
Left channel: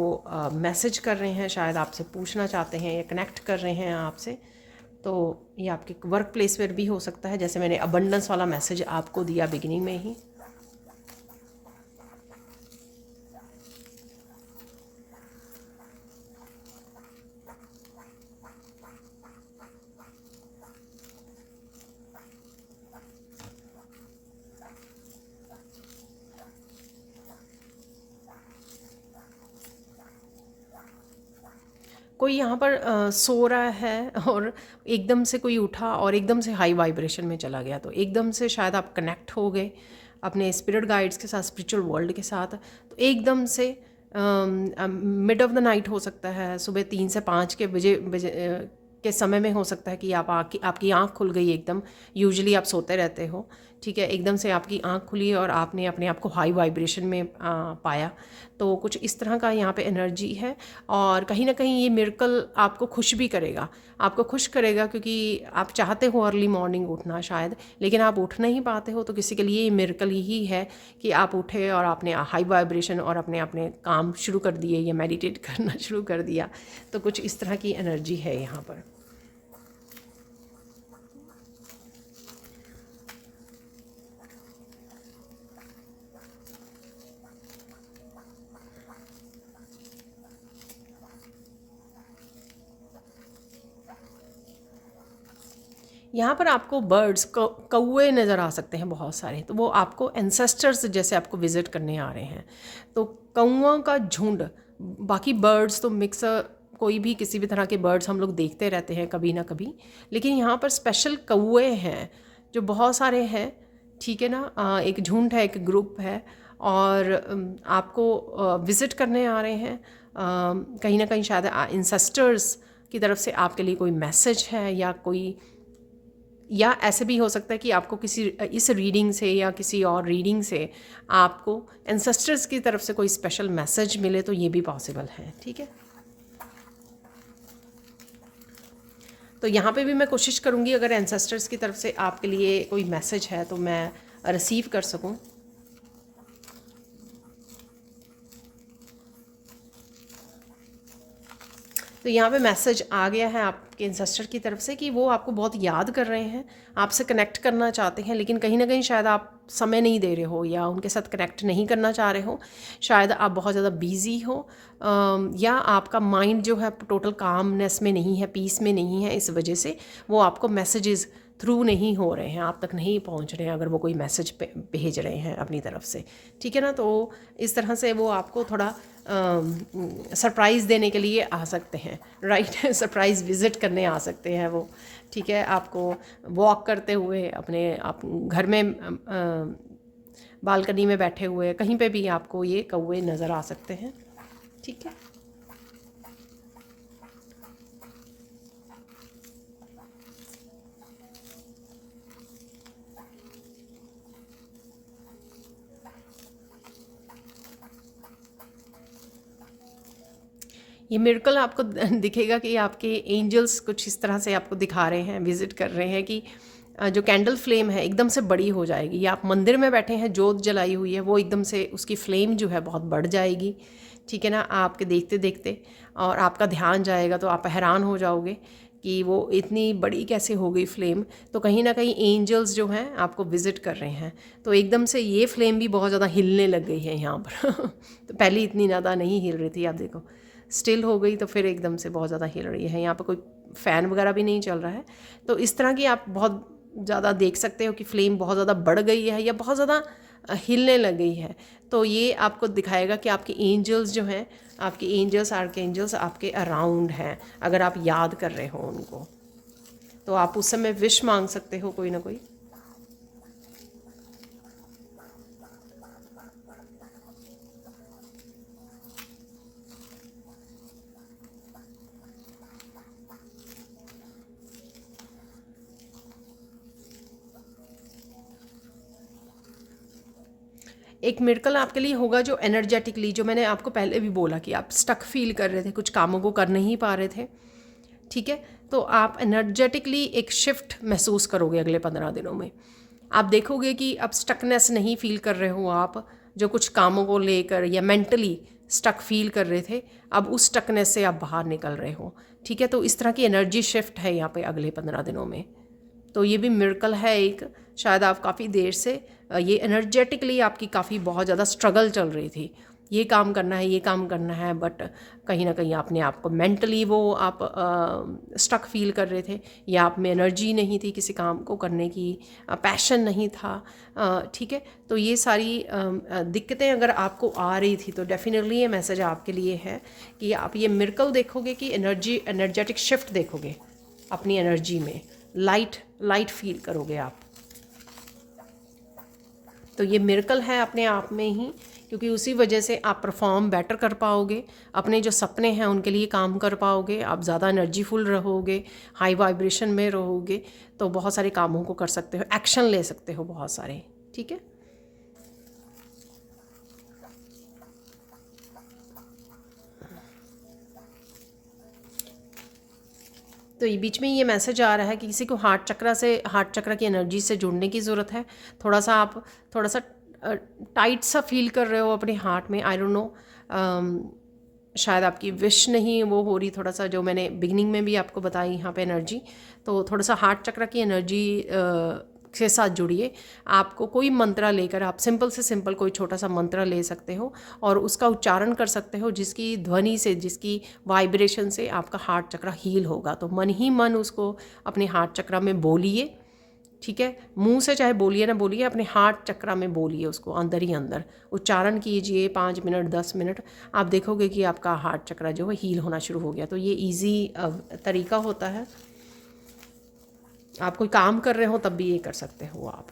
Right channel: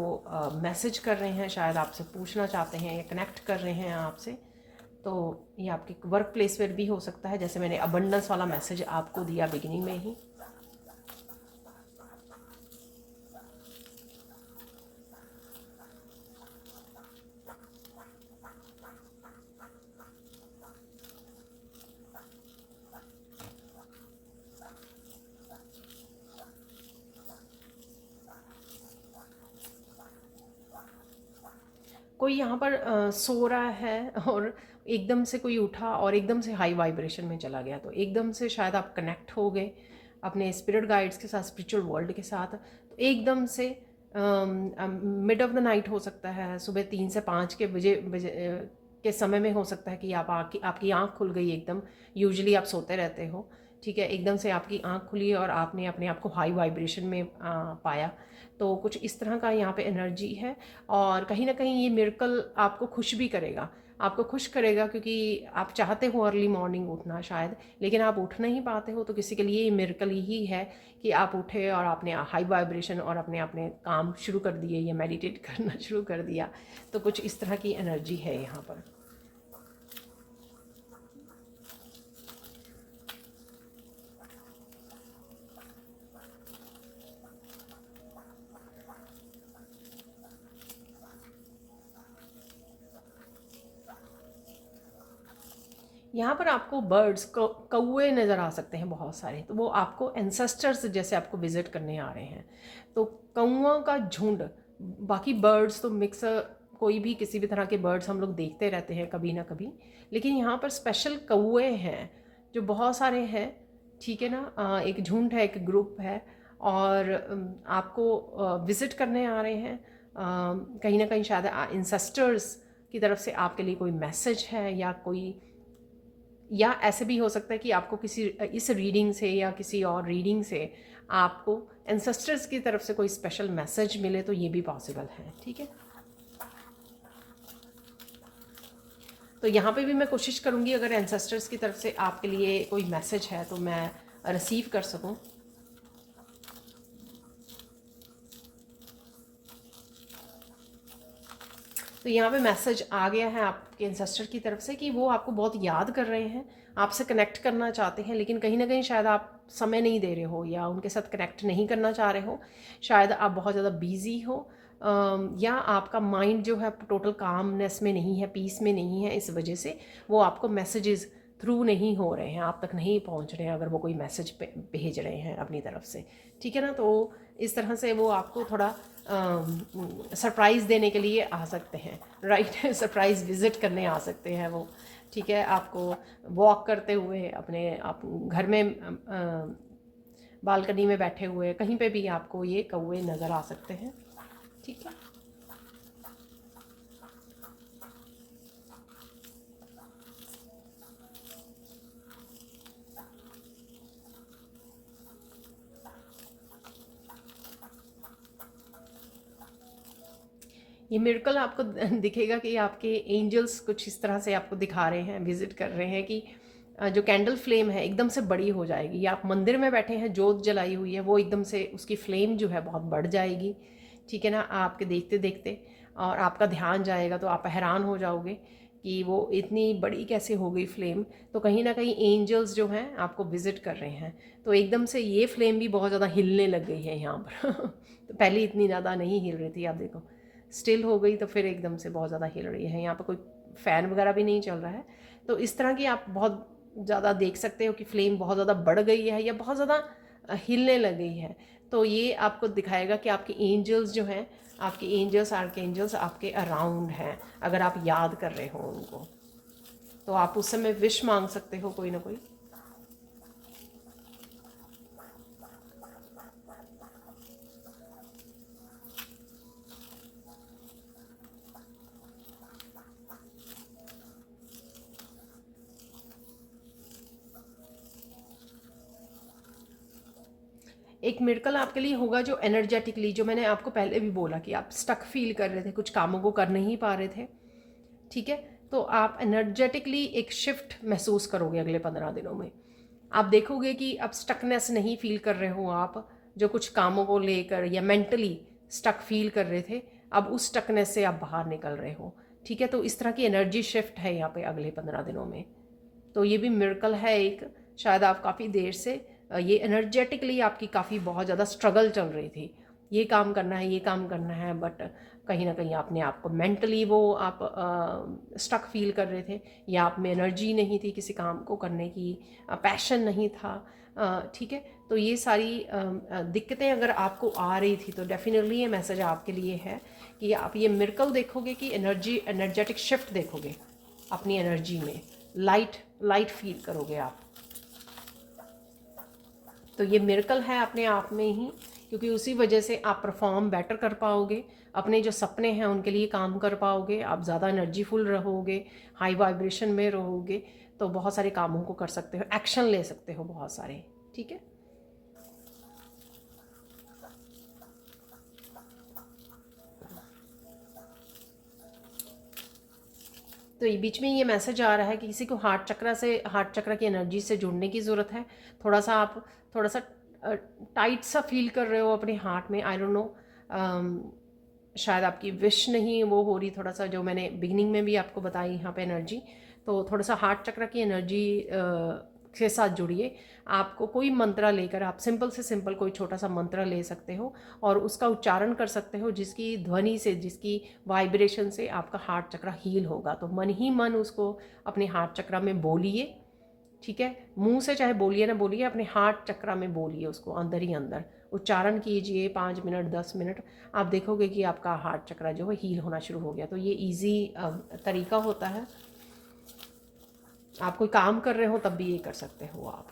मैसेज कर रहे हैं, शायद आपसे पूछना चाहते हैं या कनेक्ट कर रहे हैं आपसे। तो ये आपके वर्क प्लेस पर भी हो सकता है, जैसे मैंने अबंडेंस वाला मैसेज आपको दिया बिगिनिंग में ही। कोई यहाँ पर सो रहा है और एकदम से कोई उठा और एकदम से हाई वाइब्रेशन में चला गया, तो एकदम से शायद आप कनेक्ट हो गए अपने स्पिरिट गाइड्स के साथ, स्पिरिचुअल वर्ल्ड के साथ। तो एकदम से मिड ऑफ द नाइट हो सकता है, सुबह 3 से 5 के बजे के समय में हो सकता है कि आपकी आँख खुल गई एकदम। यूजुअली आप सोते रहते हो, ठीक है, एकदम से आपकी आँख खुली और आपने अपने आप को हाई वाइब्रेशन में पाया। तो कुछ इस तरह का यहाँ पे एनर्जी है, और कहीं ना कहीं ये मिरेकल आपको खुश भी करेगा, आपको खुश करेगा, क्योंकि आप चाहते हो अर्ली मॉर्निंग उठना शायद, लेकिन आप उठ नहीं पाते हो। तो किसी के लिए ये मिरेकल ही है कि आप उठे और आपने हाई वाइब्रेशन और अपने अपने काम शुरू कर दिए या मेडिटेट करना शुरू कर दिया। तो कुछ इस तरह की एनर्जी है यहाँ पर। यहाँ पर आपको बर्ड्स कौवे नज़र आ सकते हैं बहुत सारे, तो वो आपको एंसेस्टर्स जैसे आपको विज़िट करने आ रहे हैं। तो कौओं का झुंड, बाकी बर्ड्स तो मिक्स, कोई भी किसी भी तरह के बर्ड्स हम लोग देखते रहते हैं कभी ना कभी, लेकिन यहाँ पर स्पेशल कौवे हैं जो बहुत सारे हैं। ठीक है ना, एक झुंड है, एक ग्रुप है, और आपको विज़िट करने आ रहे हैं। कहीं ना कहीं शायद इंसेस्टर्स की तरफ से आपके लिए कोई मैसेज है, या ऐसे भी हो सकता है कि आपको किसी इस रीडिंग से या किसी और रीडिंग से आपको एंसेस्टर्स की तरफ से कोई स्पेशल मैसेज मिले, तो ये भी पॉसिबल है। ठीक है, तो यहाँ पे भी मैं कोशिश करूँगी अगर एंसेस्टर्स की तरफ से आपके लिए कोई मैसेज है तो मैं रिसीव कर सकूँ। तो यहाँ पे मैसेज आ गया है आपके इंसेस्टर की तरफ से कि वो आपको बहुत याद कर रहे हैं, आपसे कनेक्ट करना चाहते हैं, लेकिन कहीं ना कहीं शायद आप समय नहीं दे रहे हो या उनके साथ कनेक्ट नहीं करना चाह रहे हो। शायद आप बहुत ज़्यादा बिजी हो, या आपका माइंड जो है टोटल कामनेस में नहीं है, पीस में नहीं है, इस वजह से वो आपको मैसेजेस थ्रू नहीं हो रहे हैं, आप तक नहीं पहुंच रहे हैं अगर वो कोई मैसेज भेज रहे हैं अपनी तरफ से, ठीक है ना। तो इस तरह से वो आपको थोड़ा सरप्राइज़ देने के लिए आ सकते हैं, राइट। सरप्राइज़ विज़िट करने आ सकते हैं वो, ठीक है। आपको वॉक करते हुए अपने आप घर में बालकनी में बैठे हुए कहीं पे भी आपको ये कौवे नज़र आ सकते हैं, ठीक है। ये मिरेकल आपको दिखेगा कि आपके एंजल्स कुछ इस तरह से आपको दिखा रहे हैं, विजिट कर रहे हैं कि जो कैंडल फ्लेम है एकदम से बड़ी हो जाएगी, या आप मंदिर में बैठे हैं, जोत जलाई हुई है, वो एकदम से उसकी फ्लेम जो है बहुत बढ़ जाएगी, ठीक है ना। आपके देखते देखते और आपका ध्यान जाएगा तो आप हैरान हो जाओगे कि वो इतनी बड़ी कैसे हो गई फ्लेम। तो कहीं ना कहीं एंजल्स जो हैं आपको विज़िट कर रहे हैं। तो एकदम से ये फ्लेम भी बहुत ज़्यादा हिलने लग गई है यहाँ पर तो पहले इतनी ज़्यादा नहीं हिल रही थी, आप देखो स्टिल हो गई, तो फिर एकदम से बहुत ज़्यादा हिल रही है। यहाँ पर कोई फ़ैन वगैरह भी नहीं चल रहा है। तो इस तरह की आप बहुत ज़्यादा देख सकते हो कि फ्लेम बहुत ज़्यादा बढ़ गई है या बहुत ज़्यादा हिलने लग गई है। तो ये आपको दिखाएगा कि आपके एंजल्स जो हैं, आपके एंजल्स आर्क एंजल्स आपके अराउंड हैं, अगर आप याद कर रहे हो उनको। तो आप उस समय विश मांग सकते हो कोई ना कोई। एक मिरेकल आपके लिए होगा जो एनर्जेटिकली, जो मैंने आपको पहले भी बोला कि आप स्टक फील कर रहे थे, कुछ कामों को कर नहीं पा रहे थे, ठीक है। तो आप एनर्जेटिकली एक शिफ्ट महसूस करोगे अगले 15 दिनों में। आप देखोगे कि अब स्टकनेस नहीं फील कर रहे हो आप, जो कुछ कामों को लेकर या मेंटली स्टक फील कर रहे थे, अब उस स्टकनेस से आप बाहर निकल रहे हो, ठीक है। तो इस तरह की एनर्जी शिफ्ट है यहाँ पे अगले 15 दिनों में। तो ये भी मिरेकल है एक। शायद आप काफ़ी देर से ये एनर्जेटिकली आपकी काफ़ी बहुत ज़्यादा स्ट्रगल चल रही थी, ये काम करना है, ये काम करना है, बट कहीं ना कहीं आपने आपको मेंटली वो आप स्टक फील कर रहे थे, या आप में एनर्जी नहीं थी किसी काम को करने की, पैशन नहीं था, ठीक है। तो ये सारी दिक्कतें अगर आपको आ रही थी तो डेफिनेटली ये मैसेज आपके लिए है कि आप ये मिरेकल देखोगे कि एनर्जेटिक शिफ्ट देखोगे अपनी एनर्जी में, लाइट फील करोगे आप। तो ये मिरेकल है अपने आप में ही, क्योंकि उसी वजह से आप परफॉर्म बेटर कर पाओगे, अपने जो सपने हैं उनके लिए काम कर पाओगे, आप ज़्यादा एनर्जीफुल रहोगे, हाई वाइब्रेशन में रहोगे, तो बहुत सारे कामों को कर सकते हो, एक्शन ले सकते हो बहुत सारे, ठीक है। तो ये बीच में ये मैसेज आ रहा है कि किसी को हार्ट चक्र की एनर्जी से जुड़ने की ज़रूरत है। थोड़ा सा आप थोड़ा सा टाइट सा फील कर रहे हो अपने हार्ट में, आई डोंट नो, शायद आपकी विश नहीं वो हो रही, थोड़ा सा जो मैंने बिगनिंग में भी आपको बताई यहाँ पे एनर्जी। तो थोड़ा सा हार्ट चक्र की एनर्जी के साथ जुड़िए। आपको कोई मंत्र लेकर, आप सिंपल से सिंपल कोई छोटा सा मंत्र ले सकते हो और उसका उच्चारण कर सकते हो, जिसकी ध्वनि से, जिसकी वाइब्रेशन से आपका हार्ट चक्र हील होगा। तो मन ही मन उसको अपने हार्ट चक्र में बोलिए, ठीक है। मुंह से चाहे बोलिए ना बोलिए, अपने हार्ट चक्र में बोलिए, उसको अंदर ही अंदर उच्चारण कीजिए 5 मिनट 10 मिनट। आप देखोगे कि आपका हार्ट चक्र जो है हील होना शुरू हो गया। तो ये इजी तरीका होता है, आप कोई काम कर रहे हो तब भी ये कर सकते हो आप।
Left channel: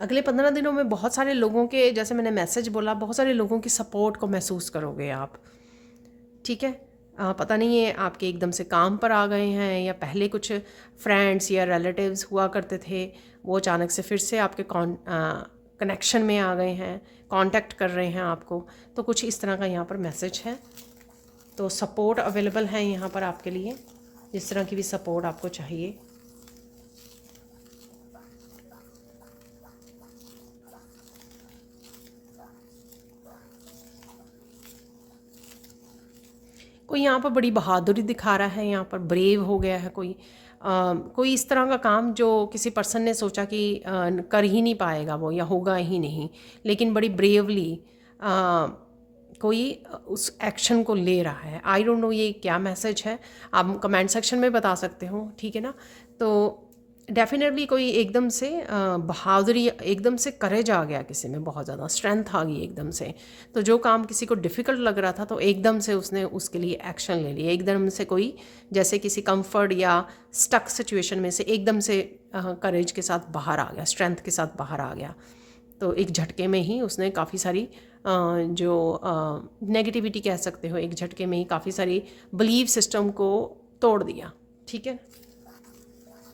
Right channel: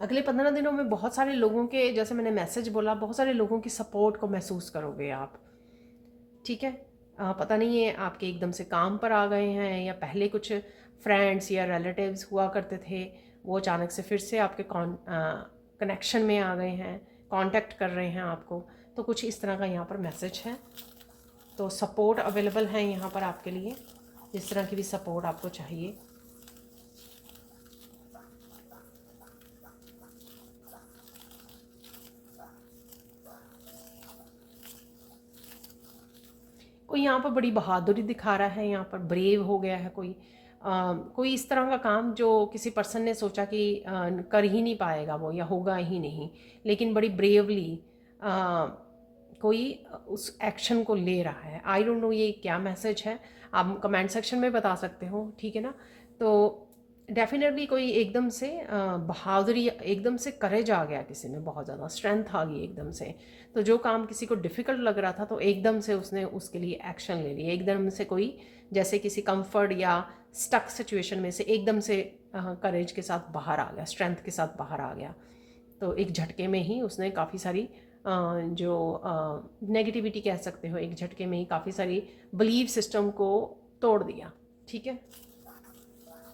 अगले 15 दिनों में बहुत सारे लोगों के, जैसे मैंने मैसेज बोला, बहुत सारे लोगों की सपोर्ट को महसूस करोगे आप, ठीक है। पता नहीं ये आपके एकदम से काम पर आ गए हैं, या पहले कुछ फ्रेंड्स या रिलेटिव्स हुआ करते थे, वो अचानक से फिर से आपके कनेक्शन में आ गए हैं, कांटेक्ट कर रहे हैं आपको। तो कुछ इस तरह का यहाँ पर मैसेज है। तो सपोर्ट अवेलेबल है यहाँ पर आपके लिए, जिस तरह की भी सपोर्ट आपको चाहिए। कोई यहाँ पर बड़ी बहादुरी दिखा रहा है, यहाँ पर ब्रेव हो गया है कोई। कोई इस तरह का काम जो किसी पर्सन ने सोचा कि कर ही नहीं पाएगा वो, या होगा ही नहीं, लेकिन बड़ी ब्रेवली कोई उस एक्शन को ले रहा है। आई डोंट नो ये क्या मैसेज है, आप कमेंट सेक्शन में बता सकते हो, ठीक है ना। तो डेफिनेटली कोई एकदम से बहादुरी, एकदम से करेज आ गया किसी में, बहुत ज़्यादा स्ट्रेंथ आ गई एकदम से। तो जो काम किसी को डिफ़िकल्ट लग रहा था तो एकदम से उसने उसके लिए एक्शन ले लिया। एकदम से कोई जैसे किसी कंफर्ट या स्टक सिचुएशन में से एकदम से करेज के साथ बाहर आ गया, स्ट्रेंथ के साथ बाहर आ गया। तो एक झटके में ही उसने काफ़ी सारी जो नेगेटिविटी कह सकते हो, एक झटके में ही काफ़ी सारी बिलीव सिस्टम को तोड़ दिया, ठीक है।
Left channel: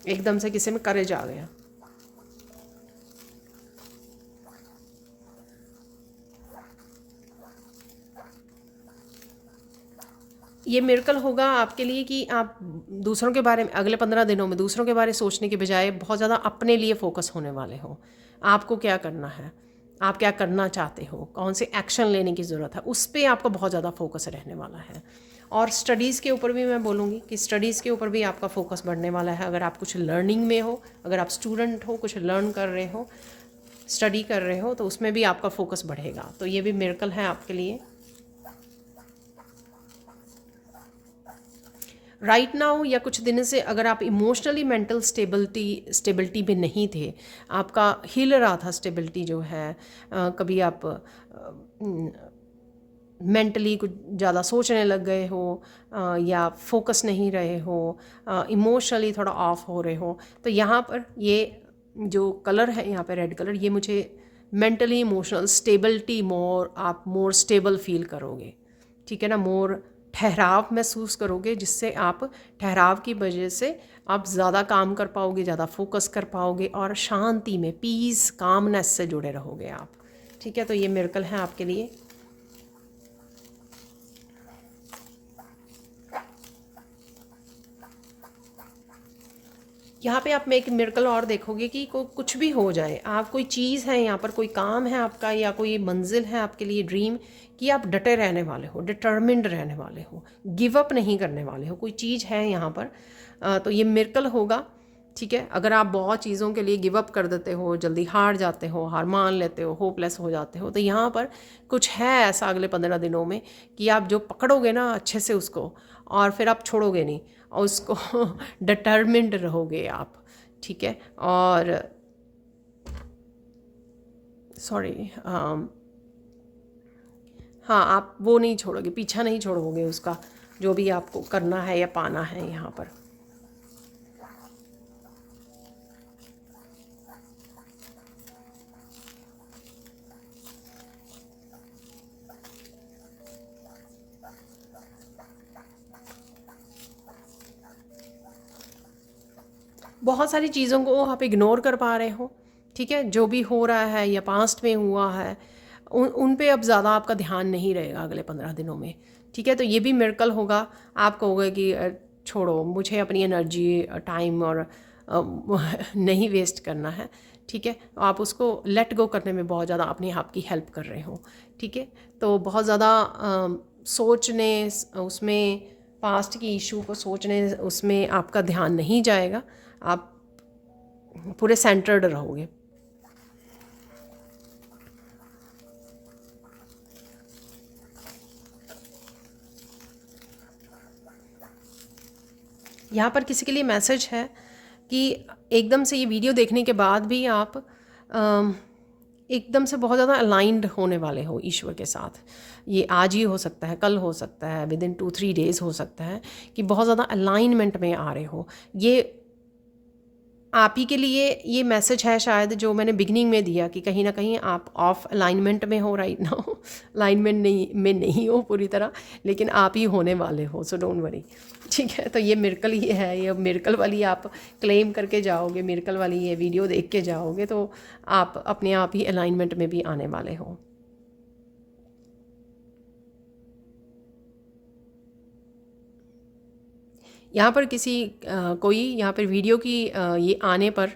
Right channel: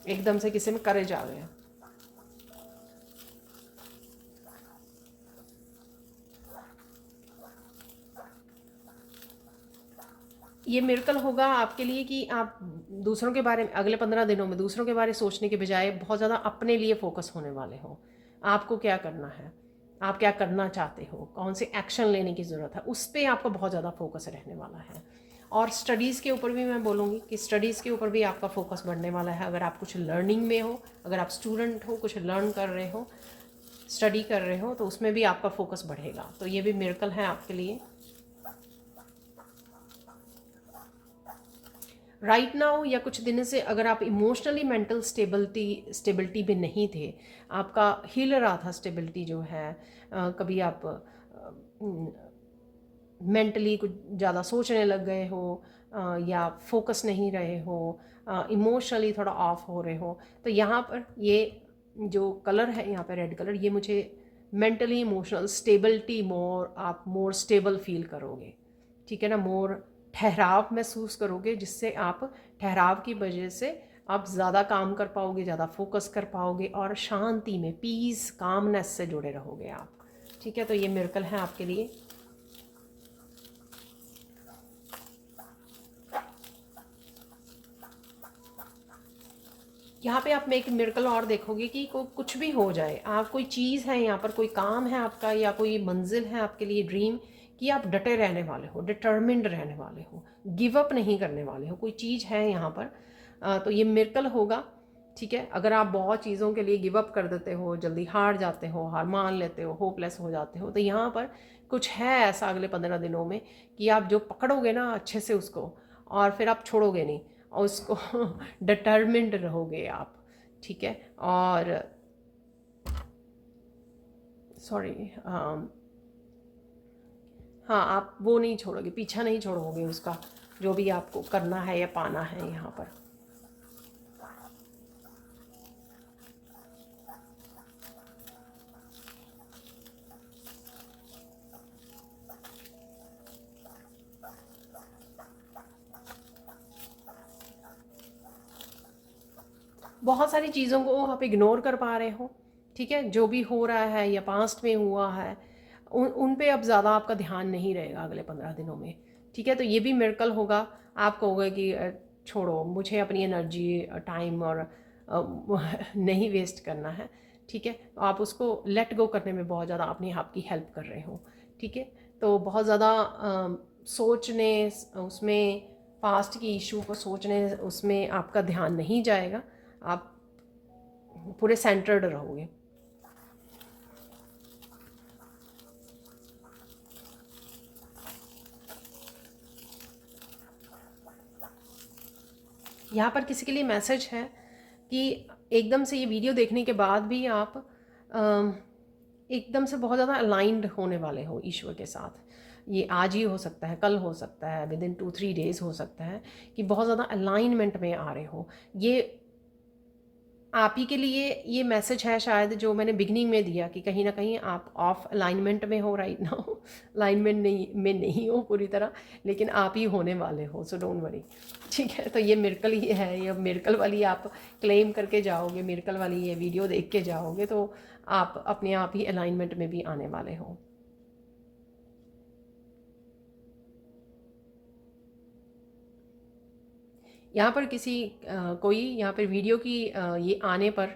एकदम से किसी में करेज आ गया। ये मिरेकल होगा आपके लिए कि आप दूसरों के बारे में अगले 15 दिनों में दूसरों के बारे में सोचने के बजाय बहुत ज़्यादा अपने लिए फोकस होने वाले हो। आपको क्या करना है, आप क्या करना चाहते हो, कौन से एक्शन लेने की ज़रूरत है, उस पर आपका बहुत ज़्यादा फोकस रहने वाला है। और स्टडीज़ के ऊपर भी मैं बोलूँगी कि स्टडीज़ के ऊपर भी आपका फोकस बढ़ने वाला है। अगर आप कुछ लर्निंग में हो, अगर आप स्टूडेंट हो, कुछ लर्न कर रहे हो, स्टडी कर रहे हो, तो उसमें भी आपका फोकस बढ़ेगा। तो ये भी मिरेकल है आपके लिए। राइट नाउ या कुछ दिन से अगर आप इमोशनली मेंटल स्टेबिलिटी में नहीं थे, आपका हिल रहा था स्टेबिलिटी जो है, कभी आप मेंटली कुछ ज़्यादा सोचने लग गए हो, या फोकस नहीं रहे हो, इमोशनली थोड़ा ऑफ हो रहे हो, तो यहाँ पर ये जो कलर है यहाँ पे रेड कलर, ये मुझे मेंटली इमोशनल स्टेबिलिटी, आप मोर स्टेबल फील करोगे, ठीक है ना। मोर ठहराव महसूस करोगे, जिससे आप ठहराव की वजह से आप ज़्यादा काम कर पाओगे, ज़्यादा फोकस कर पाओगे, और शांति में पीस कामनेस से जुड़े रहोगे आप, ठीक है। तो ये मिरेकल है आपके लिए। यहाँ पे आप में एक मिरेकल और देखोगे कि कुछ भी हो जाए, आप कोई चीज़ है यहाँ पर, कोई काम है आपका, या कोई मंजिल है आपके लिए, ड्रीम, कि आप डटे रहने वाले हो, डिटर्मिन्ड रहने वाले हो, गिव अप नहीं करने वाले हो। कोई चीज़ है यहाँ पर, तो ये मिरेकल होगा, ठीक है। अगर आप बहुत चीज़ों के लिए गिव अप कर देते हो, जल्दी हार जाते हो, हार मान लेते हो, होपलेस हो जाते हो, तो यहाँ पर कुछ है ऐसा अगले 15 दिनों में कि आप जो पकड़ोगे ना अच्छे से उसको, और फिर आप छोड़ोगे नहीं, और उसको डिटर्मिन्ड रहोगे आप, ठीक है। और सॉरी, हाँ, आप वो नहीं छोड़ोगे, पीछा नहीं छोड़ोगे उसका, जो भी आपको करना है या पाना है यहाँ पर। बहुत सारी चीज़ों को आप इग्नोर कर पा रहे हो, ठीक है। जो भी हो रहा है या पास्ट में हुआ है, उन पे अब ज़्यादा आपका ध्यान नहीं रहेगा अगले 15 दिनों में, ठीक है। तो ये भी मिरेकल होगा। आप कहोगे कि छोड़ो, मुझे अपनी एनर्जी, टाइम और नहीं वेस्ट करना है, ठीक है। आप उसको लेट गो करने में बहुत ज़्यादा अपने आप की हेल्प कर रहे हो, ठीक है। तो बहुत ज़्यादा सोचने, उसमें पास्ट की इशू को सोचने, उसमें आपका ध्यान नहीं जाएगा, आप पूरे सेंटर्ड रहोगे। यहाँ पर किसी के लिए मैसेज है कि एकदम से ये वीडियो देखने के बाद भी आप एकदम से बहुत ज़्यादा अलाइंड होने वाले हो ईश्वर के साथ। ये आज ही हो सकता है, कल हो सकता है, विद इन 2-3 डेज़ हो सकता है कि बहुत ज़्यादा अलाइनमेंट में आ रहे हो। ये आप ही के लिए ये मैसेज है शायद, जो मैंने बिगनिंग में दिया कि कहीं ना कहीं आप ऑफ अलाइनमेंट में हो राइट नाउ, अलाइनमेंट नहीं हो पूरी तरह, लेकिन आप ही होने वाले हो, सो डोंट वरी, ठीक है। तो ये मिरेकल ही है, ये मिरेकल वाली आप क्लेम करके जाओगे, मिरेकल वाली ये वीडियो देख के जाओगे, तो आप अपने आप ही अलाइनमेंट में भी आने वाले हो। यहाँ पर कोई यहाँ पर वीडियो की ये आने पर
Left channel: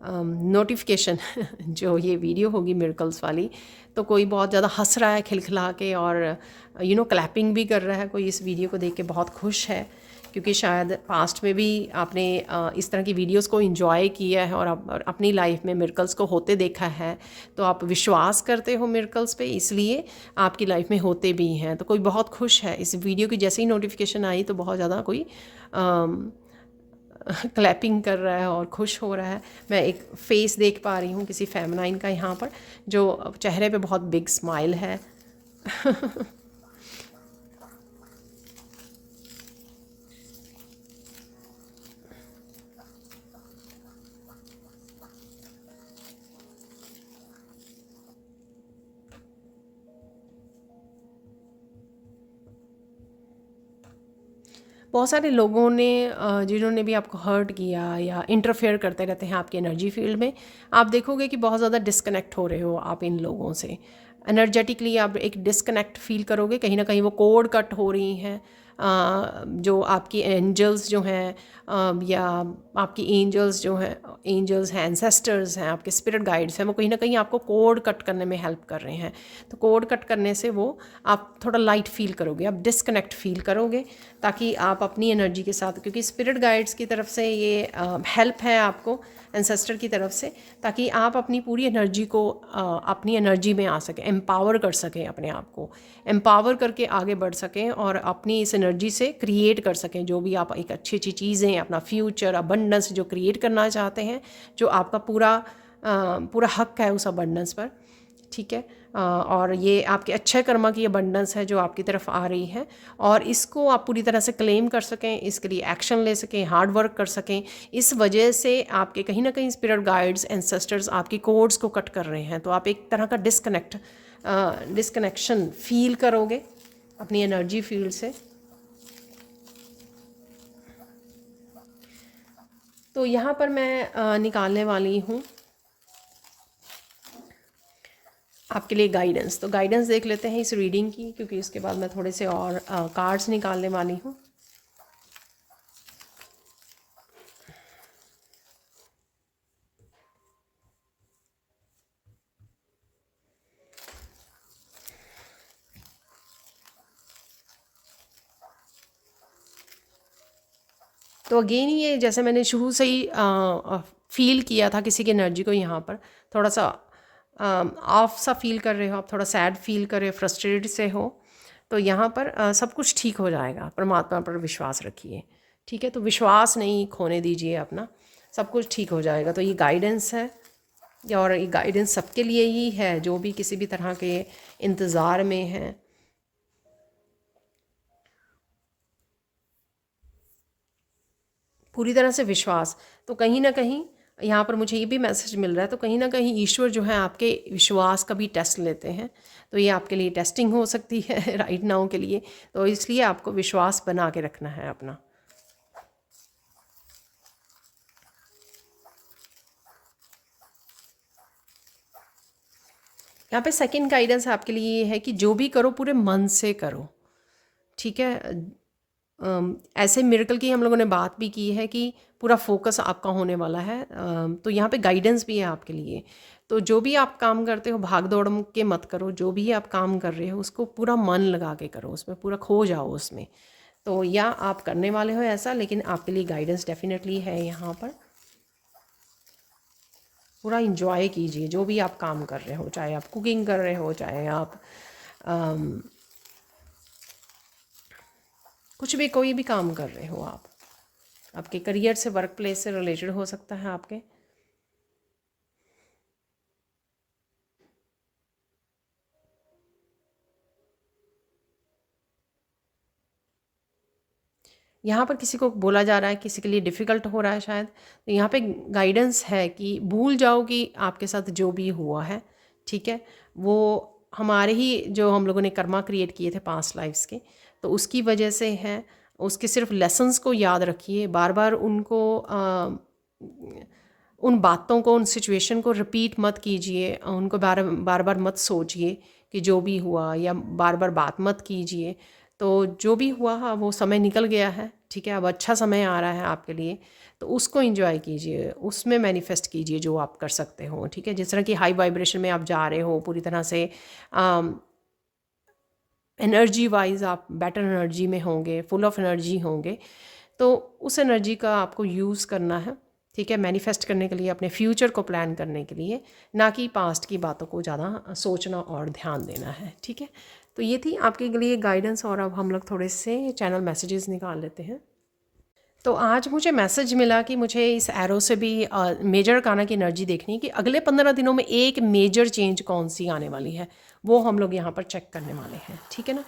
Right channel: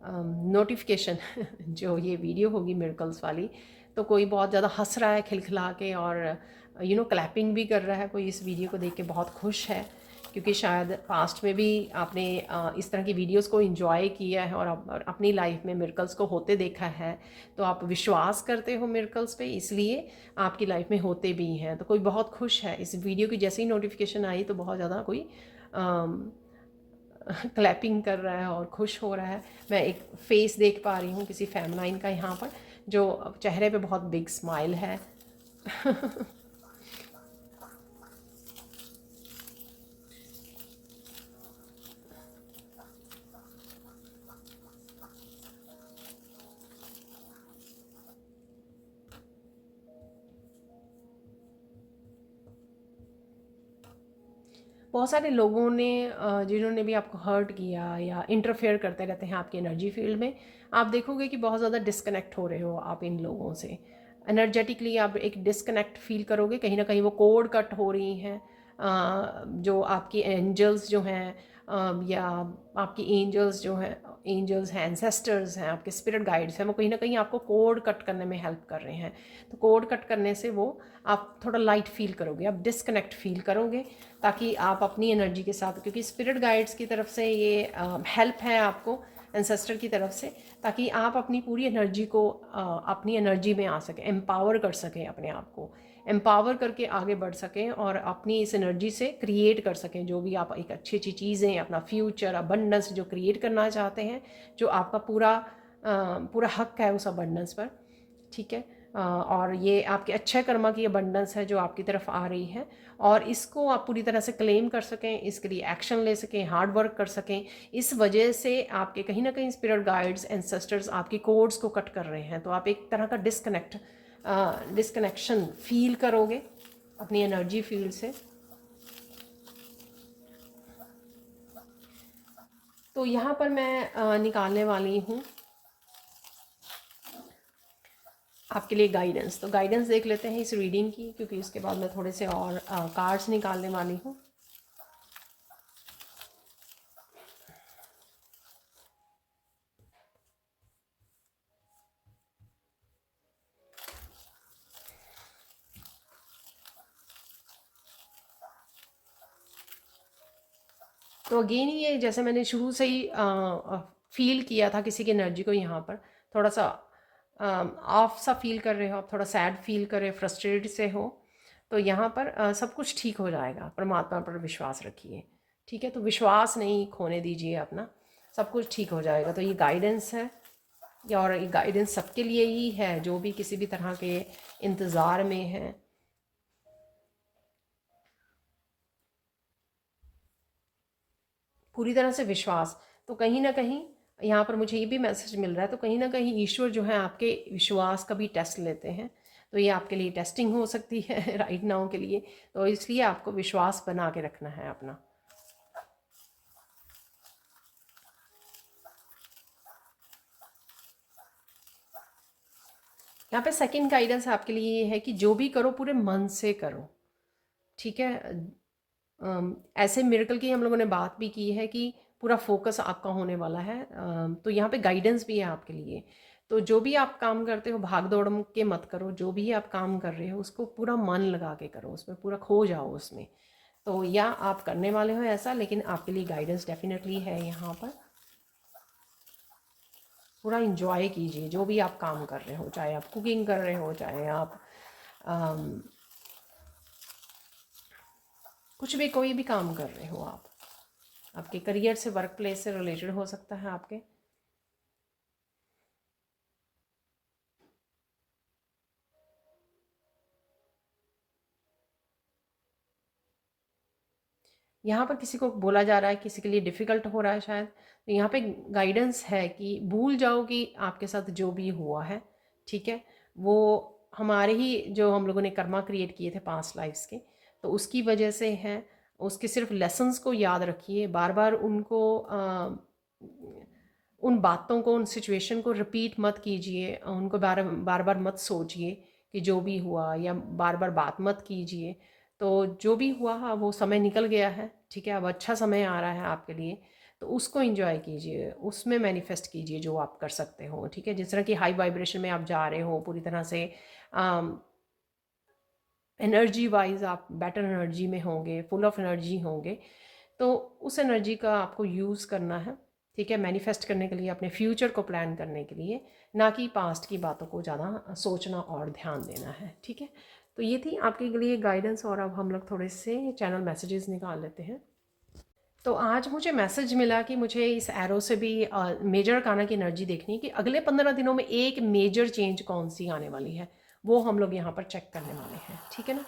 नोटिफिकेशन जो ये वीडियो होगी मिरेकल्स वाली, तो कोई बहुत ज़्यादा हंस रहा है खिलखिला के, और क्लैपिंग भी कर रहा है, कोई इस वीडियो को देख के बहुत खुश है, क्योंकि शायद पास्ट में भी आपने इस तरह की वीडियोस को एंजॉय किया है और अपनी लाइफ में मिरेकल्स को होते देखा है, तो आप विश्वास करते हो मिरेकल्स पे, इसलिए आपकी लाइफ में होते भी हैं। तो कोई बहुत खुश है इस वीडियो की, जैसे ही नोटिफिकेशन आई तो बहुत ज़्यादा कोई क्लैपिंग कर रहा है और खुश हो रहा है। मैं एक फेस देख पा रही हूँ किसी फेमिनाइन का यहाँ पर, जो चेहरे पे बहुत बिग स्माइल है। बहुत सारे लोगों ने जिन्होंने भी आपको हर्ट किया या इंटरफेयर करते रहते हैं आपकी एनर्जी फील्ड में, आप देखोगे कि बहुत ज़्यादा डिस्कनेक्ट हो रहे हो आप इन लोगों से। एनर्जेटिकली आप एक डिस्कनेक्ट फील करोगे, कहीं ना कहीं वो कोड कट हो रही हैं। जो आपकी एंजल्स जो हैं, या आपकी एंजल्स जो हैं, एंजल्स हैं, एंसेस्टर्स हैं, आपके स्पिरिट गाइड्स हैं, वो कहीं ना कहीं आपको कोड कट करने में हेल्प कर रहे हैं। तो कोड कट करने से वो आप थोड़ा लाइट फील करोगे, आप डिस्कनेक्ट फील करोगे, ताकि आप अपनी एनर्जी के साथ, क्योंकि स्पिरिट गाइड्स की तरफ से ये हेल्प है आपको, एंसेस्टर की तरफ से, ताकि आप अपनी पूरी एनर्जी को अपनी एनर्जी में आ सकें, एम्पावर कर सकें, अपने आप को एम्पावर करके आगे बढ़ सकें और अपनी इस एनर्जी से क्रिएट कर सकें जो भी आप एक अच्छी अच्छी चीज़ें, अपना फ्यूचर अबंडेंस जो क्रिएट करना चाहते हैं, जो आपका पूरा हक है उस अबंडेंस पर। ठीक है, और ये आपके अच्छे कर्मा की अबंडेंस है जो आपकी तरफ आ रही है, और इसको आप पूरी तरह से क्लेम कर सकें, इसके लिए एक्शन ले सकें, हार्ड वर्क कर सकें। इस वजह से आपके कहीं ना कहीं स्पिरिट गाइड्स, एंसेस्टर्स आपकी कोड्स को कट कर रहे हैं, तो आप एक तरह का डिस्कनेक्शन फील करोगे अपनी एनर्जी फील्ड से। तो यहाँ पर मैं निकालने वाली हूँ आपके लिए गाइडेंस। तो गाइडेंस देख लेते हैं इस रीडिंग की, क्योंकि इसके बाद मैं थोड़े से और कार्ड्स निकालने वाली हूँ। तो अगेन ये जैसे मैंने शुरू से ही फील किया था किसी की एनर्जी को, यहाँ पर थोड़ा सा ऑफ सा फील कर रहे हो आप, थोड़ा सैड फील कर रहे हो, फ्रस्ट्रेटेड से हो, तो यहाँ पर सब कुछ ठीक हो जाएगा। परमात्मा पर विश्वास रखिए, ठीक है। तो विश्वास नहीं खोने दीजिए अपना, सब कुछ ठीक हो जाएगा। तो ये गाइडेंस है, और ये गाइडेंस सबके लिए ही है जो भी किसी भी तरह के इंतज़ार में है। पूरी तरह से विश्वास। तो कहीं ना कहीं यहाँ पर मुझे ये भी मैसेज मिल रहा है, तो कहीं ना कहीं ईश्वर जो है आपके विश्वास का भी टेस्ट लेते हैं। तो ये आपके लिए टेस्टिंग हो सकती है राइट नाउ के लिए, तो इसलिए आपको विश्वास बना के रखना है अपना। यहाँ पे सेकंड गाइडेंस आपके लिए ये है कि जो भी करो पूरे मन से करो, ठीक है। ऐसे मिरेकल की हम लोगों ने बात भी की है कि पूरा फोकस आपका होने वाला है। तो यहाँ पे गाइडेंस भी है आपके लिए। तो जो भी आप काम करते हो भाग दौड़ के मत करो, जो भी आप काम कर रहे हो उसको पूरा मन लगा के करो, उसमें पूरा खो जाओ उसमें। तो या आप करने वाले हो ऐसा, लेकिन आपके लिए गाइडेंस डेफिनेटली है यहाँ पर। पूरा इंजॉय कीजिए जो भी आप काम कर रहे हो, चाहे आप कुकिंग कर रहे हो, चाहे आप कुछ भी कोई भी काम कर रहे हो, आप आपके करियर से, वर्क प्लेस से रिलेटेड हो सकता है आपके। यहाँ पर किसी को बोला जा रहा है, किसी के लिए डिफ़िकल्ट हो रहा है शायद, तो यहाँ पे गाइडेंस है कि भूल जाओ कि आपके साथ जो भी हुआ है, ठीक है, वो हमारे ही जो हम लोगों ने कर्मा क्रिएट किए थे पास्ट लाइफ्स के, तो उसकी वजह से है। उसके सिर्फ लेसन्स को याद रखिए, बार बार उनको उन बातों को, उन सिचुएशन को रिपीट मत कीजिए, उनको बार बार मत सोचिए कि जो भी हुआ, या बार बार बात मत कीजिए। तो जो भी हुआ वो समय निकल गया है, ठीक है। अब अच्छा समय आ रहा है आपके लिए, तो उसको एंजॉय कीजिए, उसमें मैनिफेस्ट कीजिए जो आप कर सकते हो, ठीक है। जिस तरह की हाई वाइब्रेशन में आप जा रहे हो पूरी तरह से, एनर्जी वाइज आप बेटर एनर्जी में होंगे, फुल ऑफ एनर्जी होंगे, तो उस एनर्जी का आपको यूज़ करना है, ठीक है, मैनिफेस्ट करने के लिए, अपने फ्यूचर को प्लान करने के लिए, ना कि पास्ट की बातों को ज़्यादा सोचना और ध्यान देना है, ठीक है। तो ये थी आपके लिए गाइडेंस, और अब हम लोग थोड़े से चैनल मैसेजेस निकाल लेते हैं। तो आज मुझे मैसेज मिला कि मुझे इस एरो से भी मेजर अरकाना की एनर्जी देखनी है कि अगले 15 दिनों में एक मेजर चेंज कौन सी आने वाली है, वो हम लोग यहाँ पर चेक करने वाले हैं, ठीक है ना।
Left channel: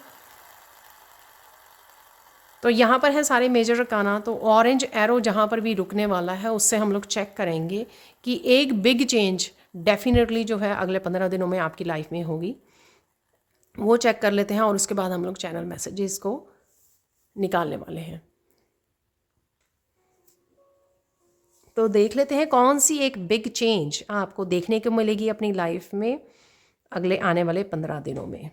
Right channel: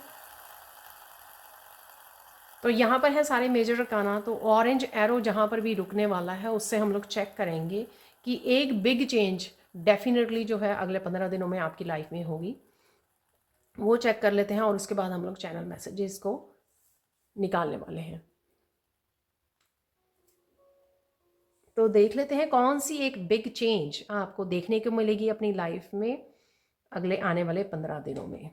तो यहाँ पर है सारे मेजर अरकाना, तो ऑरेंज एरो जहाँ पर भी रुकने वाला है उससे हम लोग चेक करेंगे कि एक बिग चेंज डेफिनेटली जो है अगले 15 दिनों में आपकी लाइफ में होगी, वो चेक कर लेते हैं, और उसके बाद हम लोग चैनल मैसेजेस को निकालने वाले हैं। तो देख लेते हैं कौन सी एक बिग चेंज आपको देखने को मिलेगी अपनी लाइफ में अगले आने वाले 15 दिनों में।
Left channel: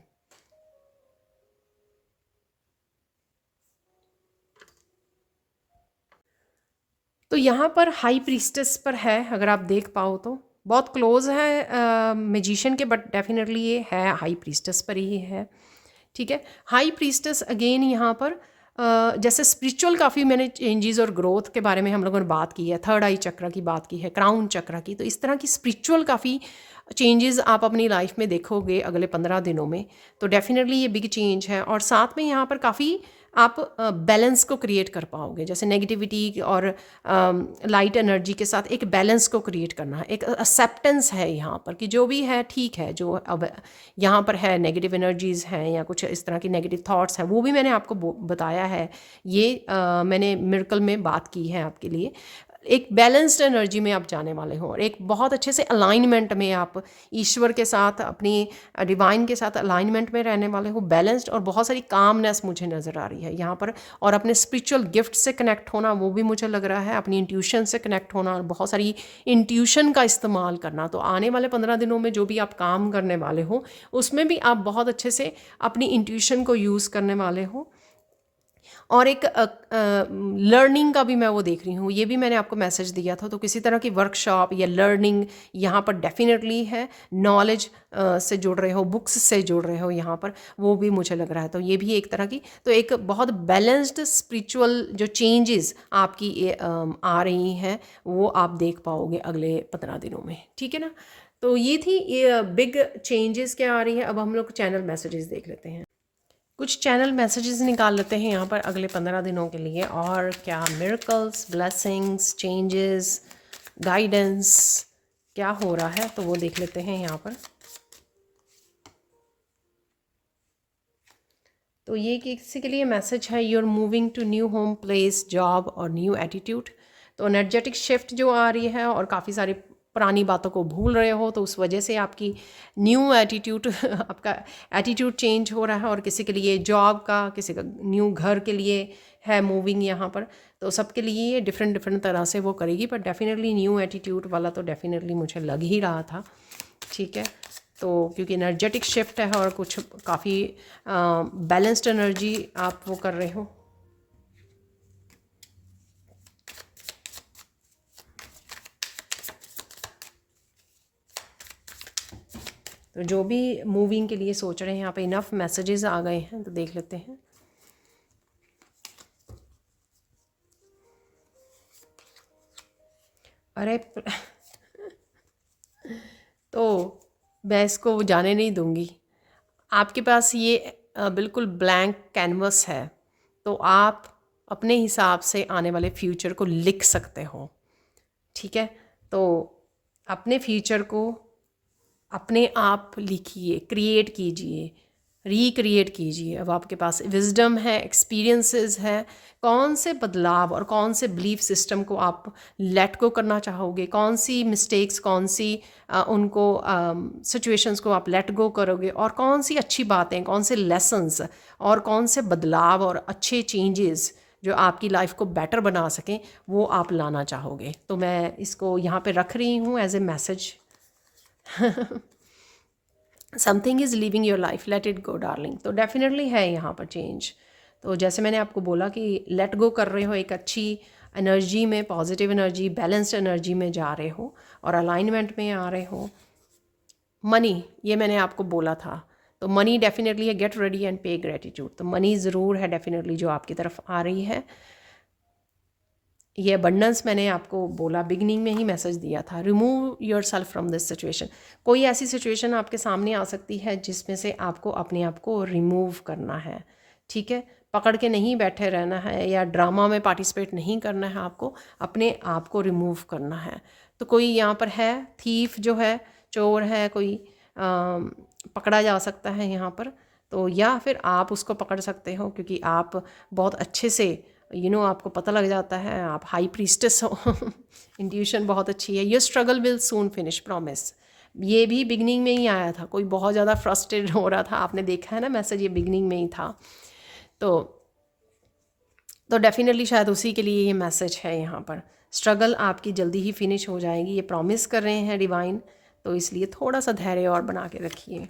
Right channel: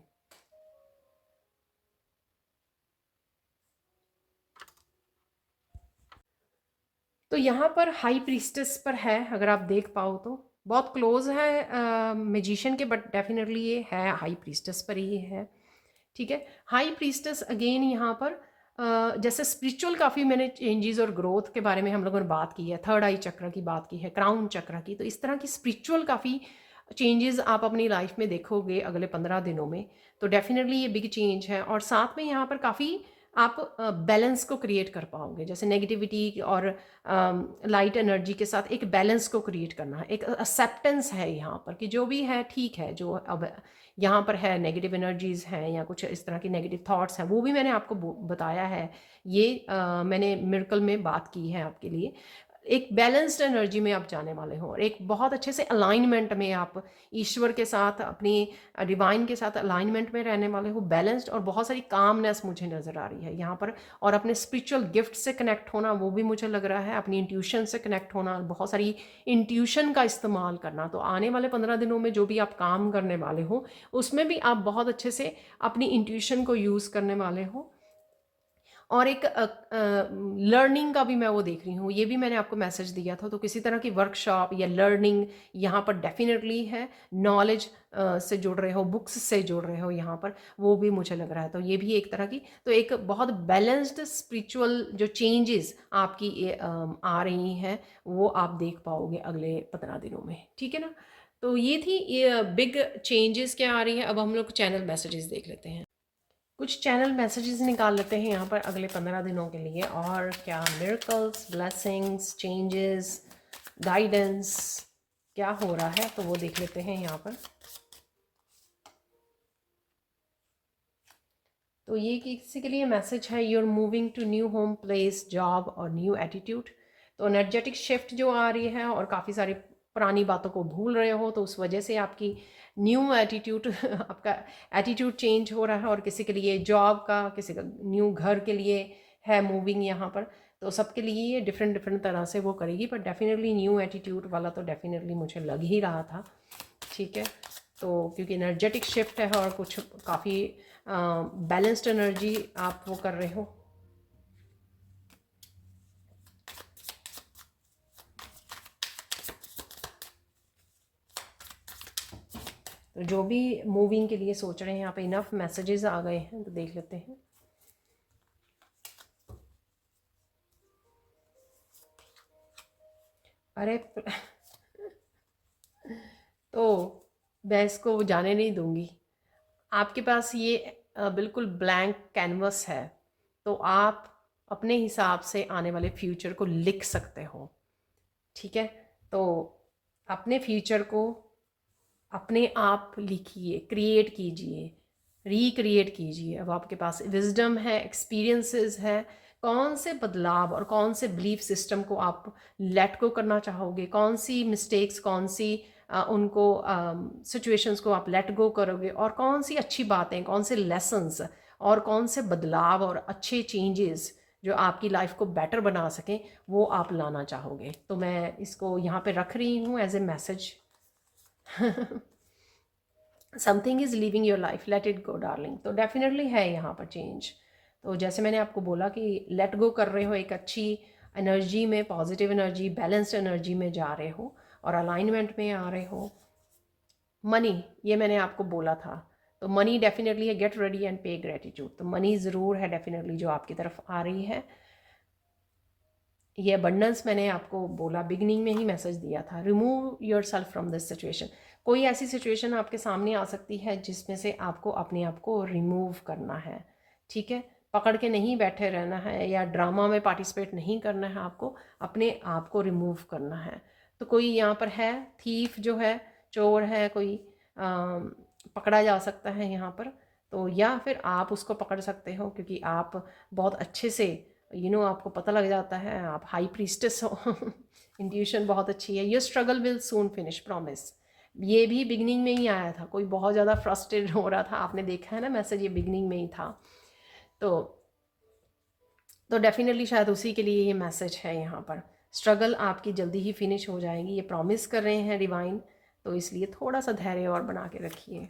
तो यहाँ पर हाई प्रीस्टेस पर है, अगर आप देख पाओ तो बहुत क्लोज है मैजिशियन के, बट डेफिनेटली ये है हाई प्रीस्टेस पर ही है, ठीक है। हाई प्रीस्टेस अगेन यहाँ पर जैसे स्पिरिचुअल काफ़ी मैंने चेंजेस और ग्रोथ के बारे में हम लोगों ने बात की है, थर्ड आई चक्र की बात की है, क्राउन चक्र की, तो इस तरह की स्पिरिचुअल काफ़ी चेंजेस आप अपनी लाइफ में देखोगे अगले 15 दिनों में, तो डेफिनेटली ये बिग चेंज है। और साथ में यहाँ पर काफ़ी आप बैलेंस को क्रिएट कर पाओगे, जैसे नेगेटिविटी और लाइट एनर्जी के साथ एक बैलेंस को क्रिएट करना है, एक एक्सेप्टेंस है यहाँ पर कि जो भी है ठीक है, जो अब यहाँ पर है नेगेटिव एनर्जीज़ हैं या कुछ इस तरह की नेगेटिव थॉट्स हैं, वो भी मैंने आपको बताया है, ये मैंने मिरेकल में बात की है आपके लिए। एक बैलेंस्ड एनर्जी में आप जाने वाले हो, और एक बहुत अच्छे से अलाइनमेंट में आप ईश्वर के साथ, अपनी डिवाइन के साथ अलाइनमेंट में रहने वाले हो, बैलेंस्ड, और बहुत सारी कामनेस मुझे नज़र आ रही है यहाँ पर। और अपने स्पिरिचुअल गिफ्ट से कनेक्ट होना, वो भी मुझे लग रहा है, अपनी इंट्यूशन से कनेक्ट होना, बहुत सारी इंट्यूशन का इस्तेमाल करना। तो आने वाले 15 दिनों में जो भी आप काम करने वाले हो उसमें भी आप बहुत अच्छे से अपनी इंट्यूशन को यूज़ करने वाले हो। और एक लर्निंग का भी मैं वो देख रही हूँ, ये भी मैंने आपको मैसेज दिया था, तो किसी तरह की वर्कशॉप या लर्निंग यहाँ पर डेफिनेटली है, नॉलेज से जुड़ रहे हो, बुक्स से जुड़ रहे हो यहाँ पर, वो भी मुझे लग रहा है। तो ये भी एक तरह की, तो एक बहुत बैलेंस्ड स्पिरिचुअल जो चेंजेस आपकी आ रही हैं वो आप देख पाओगे अगले 15 दिनों में, ठीक है ना। तो ये थी ये बिग चेंजेस क्या आ रही है। अब हम लोग चैनल मैसेजेस देख लेते हैं, कुछ चैनल मैसेजेस निकाल लेते हैं यहाँ पर अगले 15 दिनों के लिए, और क्या मिरेकल्स, ब्लेसिंग्स, चेंजेस, गाइडेंस क्या हो रहा है, तो वो देख लेते हैं यहाँ पर। तो ये किसी के लिए मैसेज है, you are moving to new home, place, job और न्यू एटीट्यूड। तो एनर्जेटिक शिफ्ट जो आ रही है, और काफ़ी सारी पुरानी बातों को भूल रहे हो, तो उस वजह से आपकी न्यू एटीट्यूड आपका एटीट्यूड चेंज हो रहा है। और किसी के लिए जॉब का, किसी का न्यू घर के लिए है मूविंग यहाँ पर, तो सबके लिए ये डिफरेंट डिफरेंट तरह से वो करेगी, पर डेफिनेटली न्यू एटीट्यूड वाला तो डेफिनेटली मुझे लग ही रहा था, ठीक है। तो क्योंकि एनर्जेटिक शिफ्ट है और कुछ काफ़ी बैलेंस्ड एनर्जी आप वो कर रहे हो। तो जो भी मूविंग के लिए सोच रहे हैं, यहाँ पे इनफ मैसेजेस आ गए हैं, तो देख लेते हैं। अरे तो मैं इसको जाने नहीं दूंगी। आपके पास ये बिल्कुल ब्लैंक कैनवस है, तो आप अपने हिसाब से आने वाले फ्यूचर को लिख सकते हो, ठीक है। तो अपने फ्यूचर को अपने आप लिखिए, क्रिएट कीजिए, रिक्रिएट कीजिए। अब आपके पास विजडम है, एक्सपीरियंसेस है, कौन से बदलाव और कौन से बिलीफ सिस्टम को आप लेट गो करना चाहोगे, कौन सी मिस्टेक्स, कौन सी उनको सिचुएशंस को आप लेट गो करोगे, और कौन सी अच्छी बातें, कौन से लेसन्स और कौन से बदलाव और अच्छे चेंजेस जो आपकी लाइफ को बेटर बना सकें, वो आप लाना चाहोगे। तो मैं इसको यहाँ पे रख रही हूँ as a message. Something is living your life, let it go darling. तो डेफिनेटली है यहाँ पर चेंज, तो जैसे मैंने आपको बोला कि लेट गो कर रहे हो, एक अच्छी एनर्जी में, पॉजिटिव एनर्जी, बैलेंस्ड एनर्जी में जा रहे हो और अलाइनमेंट में आ रहे हो। मनी, ये मैंने आपको बोला था, तो मनी डेफिनेटली है, गेट रेडी एंड पे ग्रेटिट्यूड। तो मनी ज़रूर है डेफिनेटली जो आपकी तरफ आ रही है। ये अबंडेंस मैंने आपको बोला, बिगनिंग में ही मैसेज दिया था, remove your self from this situation. कोई ऐसी सिचुएशन आपके सामने आ सकती है जिसमें से आपको अपने आप को रिमूव करना है, ठीक है। पकड़ के नहीं बैठे रहना है या ड्रामा में पार्टिसिपेट नहीं करना है, आपको अपने आप को रिमूव करना है। तो कोई यहाँ पर है थीफ जो है, चोर है कोई, पकड़ा जा सकता है यहाँ पर। तो या फिर आप उसको पकड़ सकते हो क्योंकि आप बहुत अच्छे से आपको पता लग जाता है, आप हाई प्रीस्टेस हो। इंट्यूशन बहुत अच्छी है। Your struggle will soon finish, promise. ये भी बिगनिंग में ही आया था, कोई बहुत ज़्यादा फ्रस्ट्रेटेड हो रहा था, आपने देखा है ना मैसेज, ये बिगनिंग में ही था। तो डेफिनेटली शायद उसी के लिए ये मैसेज है यहाँ पर। स्ट्रगल आपकी जल्दी ही फिनिश हो जाएगी, ये प्रॉमिस कर रहे हैं डिवाइन। तो इसलिए थोड़ा सा धैर्य और बना के रखिए।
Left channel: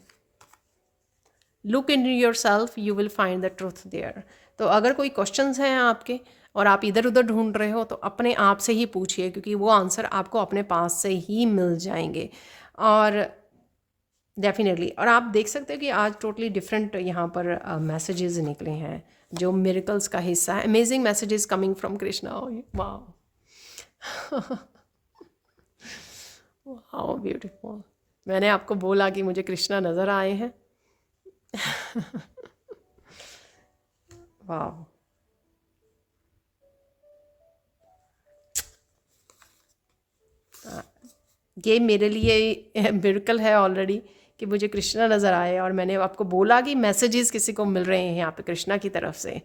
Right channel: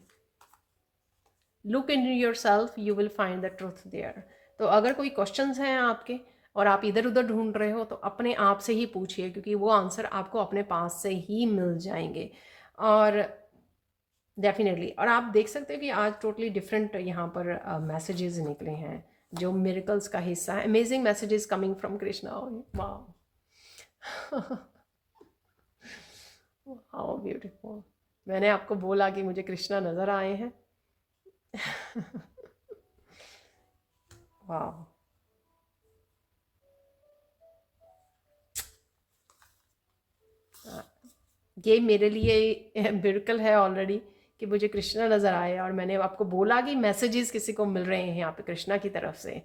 Look in yourself, you will find the truth there. तो अगर कोई क्वेश्चंस हैं आपके और आप इधर उधर ढूंढ रहे हो तो अपने आप से ही पूछिए, क्योंकि वो आंसर आपको अपने पास से ही मिल जाएंगे। और डेफिनेटली, और आप देख सकते हो कि आज टोटली डिफरेंट यहाँ पर मैसेजेस निकले हैं जो मिरेकल्स का हिस्सा है। Amazing messages coming from Krishna. Wow wow beautiful. मैंने आपको बोला कि मुझे कृष्णा नज़र आए हैं। वाह, ये मेरे लिए मिरेकल है ऑलरेडी कि मुझे कृष्णा नज़र आए। और मैंने आपको बोला कि मैसेजेस किसी को मिल रहे हैं यहाँ पे कृष्णा की तरफ से।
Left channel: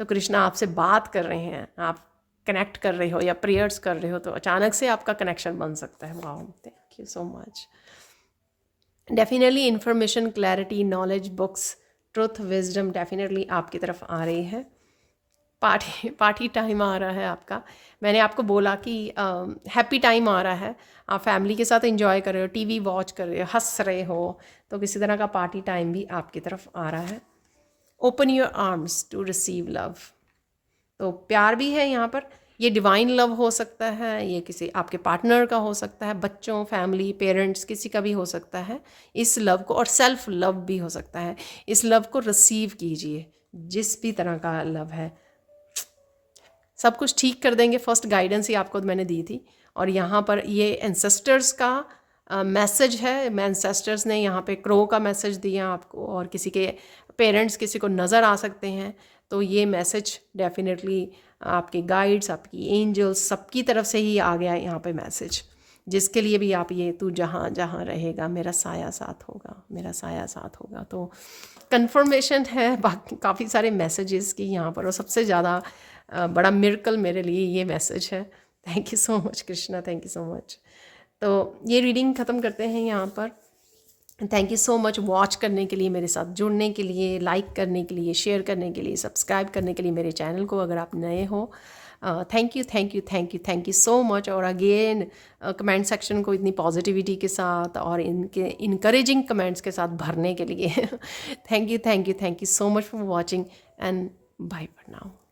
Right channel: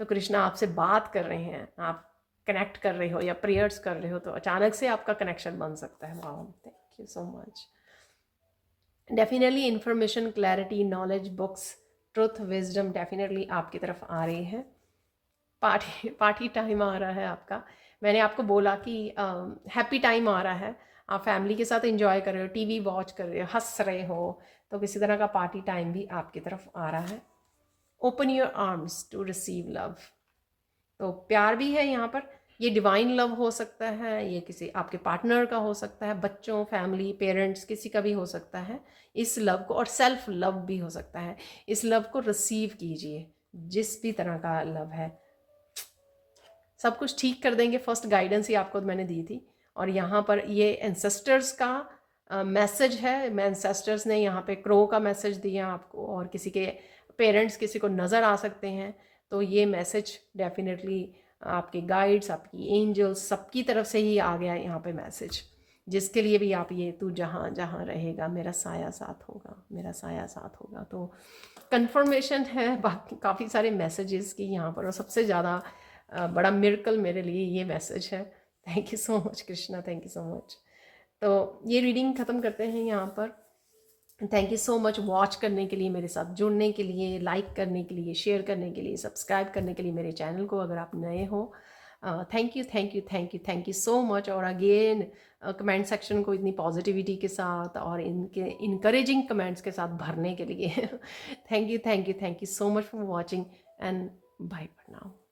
तो कृष्णा आपसे बात कर रहे हैं, आप कनेक्ट कर रहे हो या प्रेयर्स कर रहे हो, तो अचानक से आपका कनेक्शन बन सकता है। वाह, thank you so much. Definitely information, clarity, knowledge, books, truth, wisdom definitely आपकी तरफ आ रही है। पार्टी टाइम आ रहा है आपका। मैंने आपको बोला कि हैप्पी टाइम आ रहा है, आप फैमिली के साथ एंजॉय कर रहे हो, टीवी वॉच कर रहे हो, हंस रहे हो, तो किसी तरह का पार्टी टाइम भी आपकी तरफ आ रहा है। Open your arms to receive love. तो प्यार भी है यहाँ पर, ये डिवाइन लव हो सकता है, ये किसी आपके पार्टनर का हो सकता है, बच्चों, फैमिली, पेरेंट्स, किसी का भी हो सकता है इस लव को। और सेल्फ लव भी हो सकता है। इस लव को रिसीव कीजिए, जिस भी तरह का लव है, सब कुछ ठीक कर देंगे। फर्स्ट गाइडेंस ही आपको मैंने दी थी। और यहाँ पर ये एंसेस्टर्स का मैसेज है। एंसेस्टर्स ने यहाँ पे क्रो का मैसेज दिया आपको, और किसी के पेरेंट्स किसी को नज़र आ सकते हैं। तो ये मैसेज डेफिनेटली आपके गाइड्स, आपकी एंजल्स, सबकी तरफ से ही आ गया है यहाँ पे मैसेज, जिसके लिए भी आप ये, तू जहाँ जहाँ रहेगा मेरा साया साथ होगा, मेरा साया साथ होगा। तो कंफर्मेशन है बाकी काफ़ी सारे मैसेजेस की यहाँ पर, और सबसे ज़्यादा बड़ा मिरेकल मेरे लिए ये मैसेज है। Thank you so much Krishna, thank you so much. तो ये रीडिंग ख़त्म करते हैं यहाँ पर। Thank you so much watch करने के लिए, मेरे साथ जुड़ने के लिए, लाइक करने के लिए, शेयर करने के लिए, सब्सक्राइब करने के लिए मेरे चैनल को, अगर आप नए हो। Thank you thank you thank you thank you so much. और अगेन कमेंट सेक्शन को इतनी पॉजिटिविटी के साथ और इनके इनकरेजिंग कमेंट्स के साथ भरने के लिए thank you thank you thank you so much for watching and bye for now.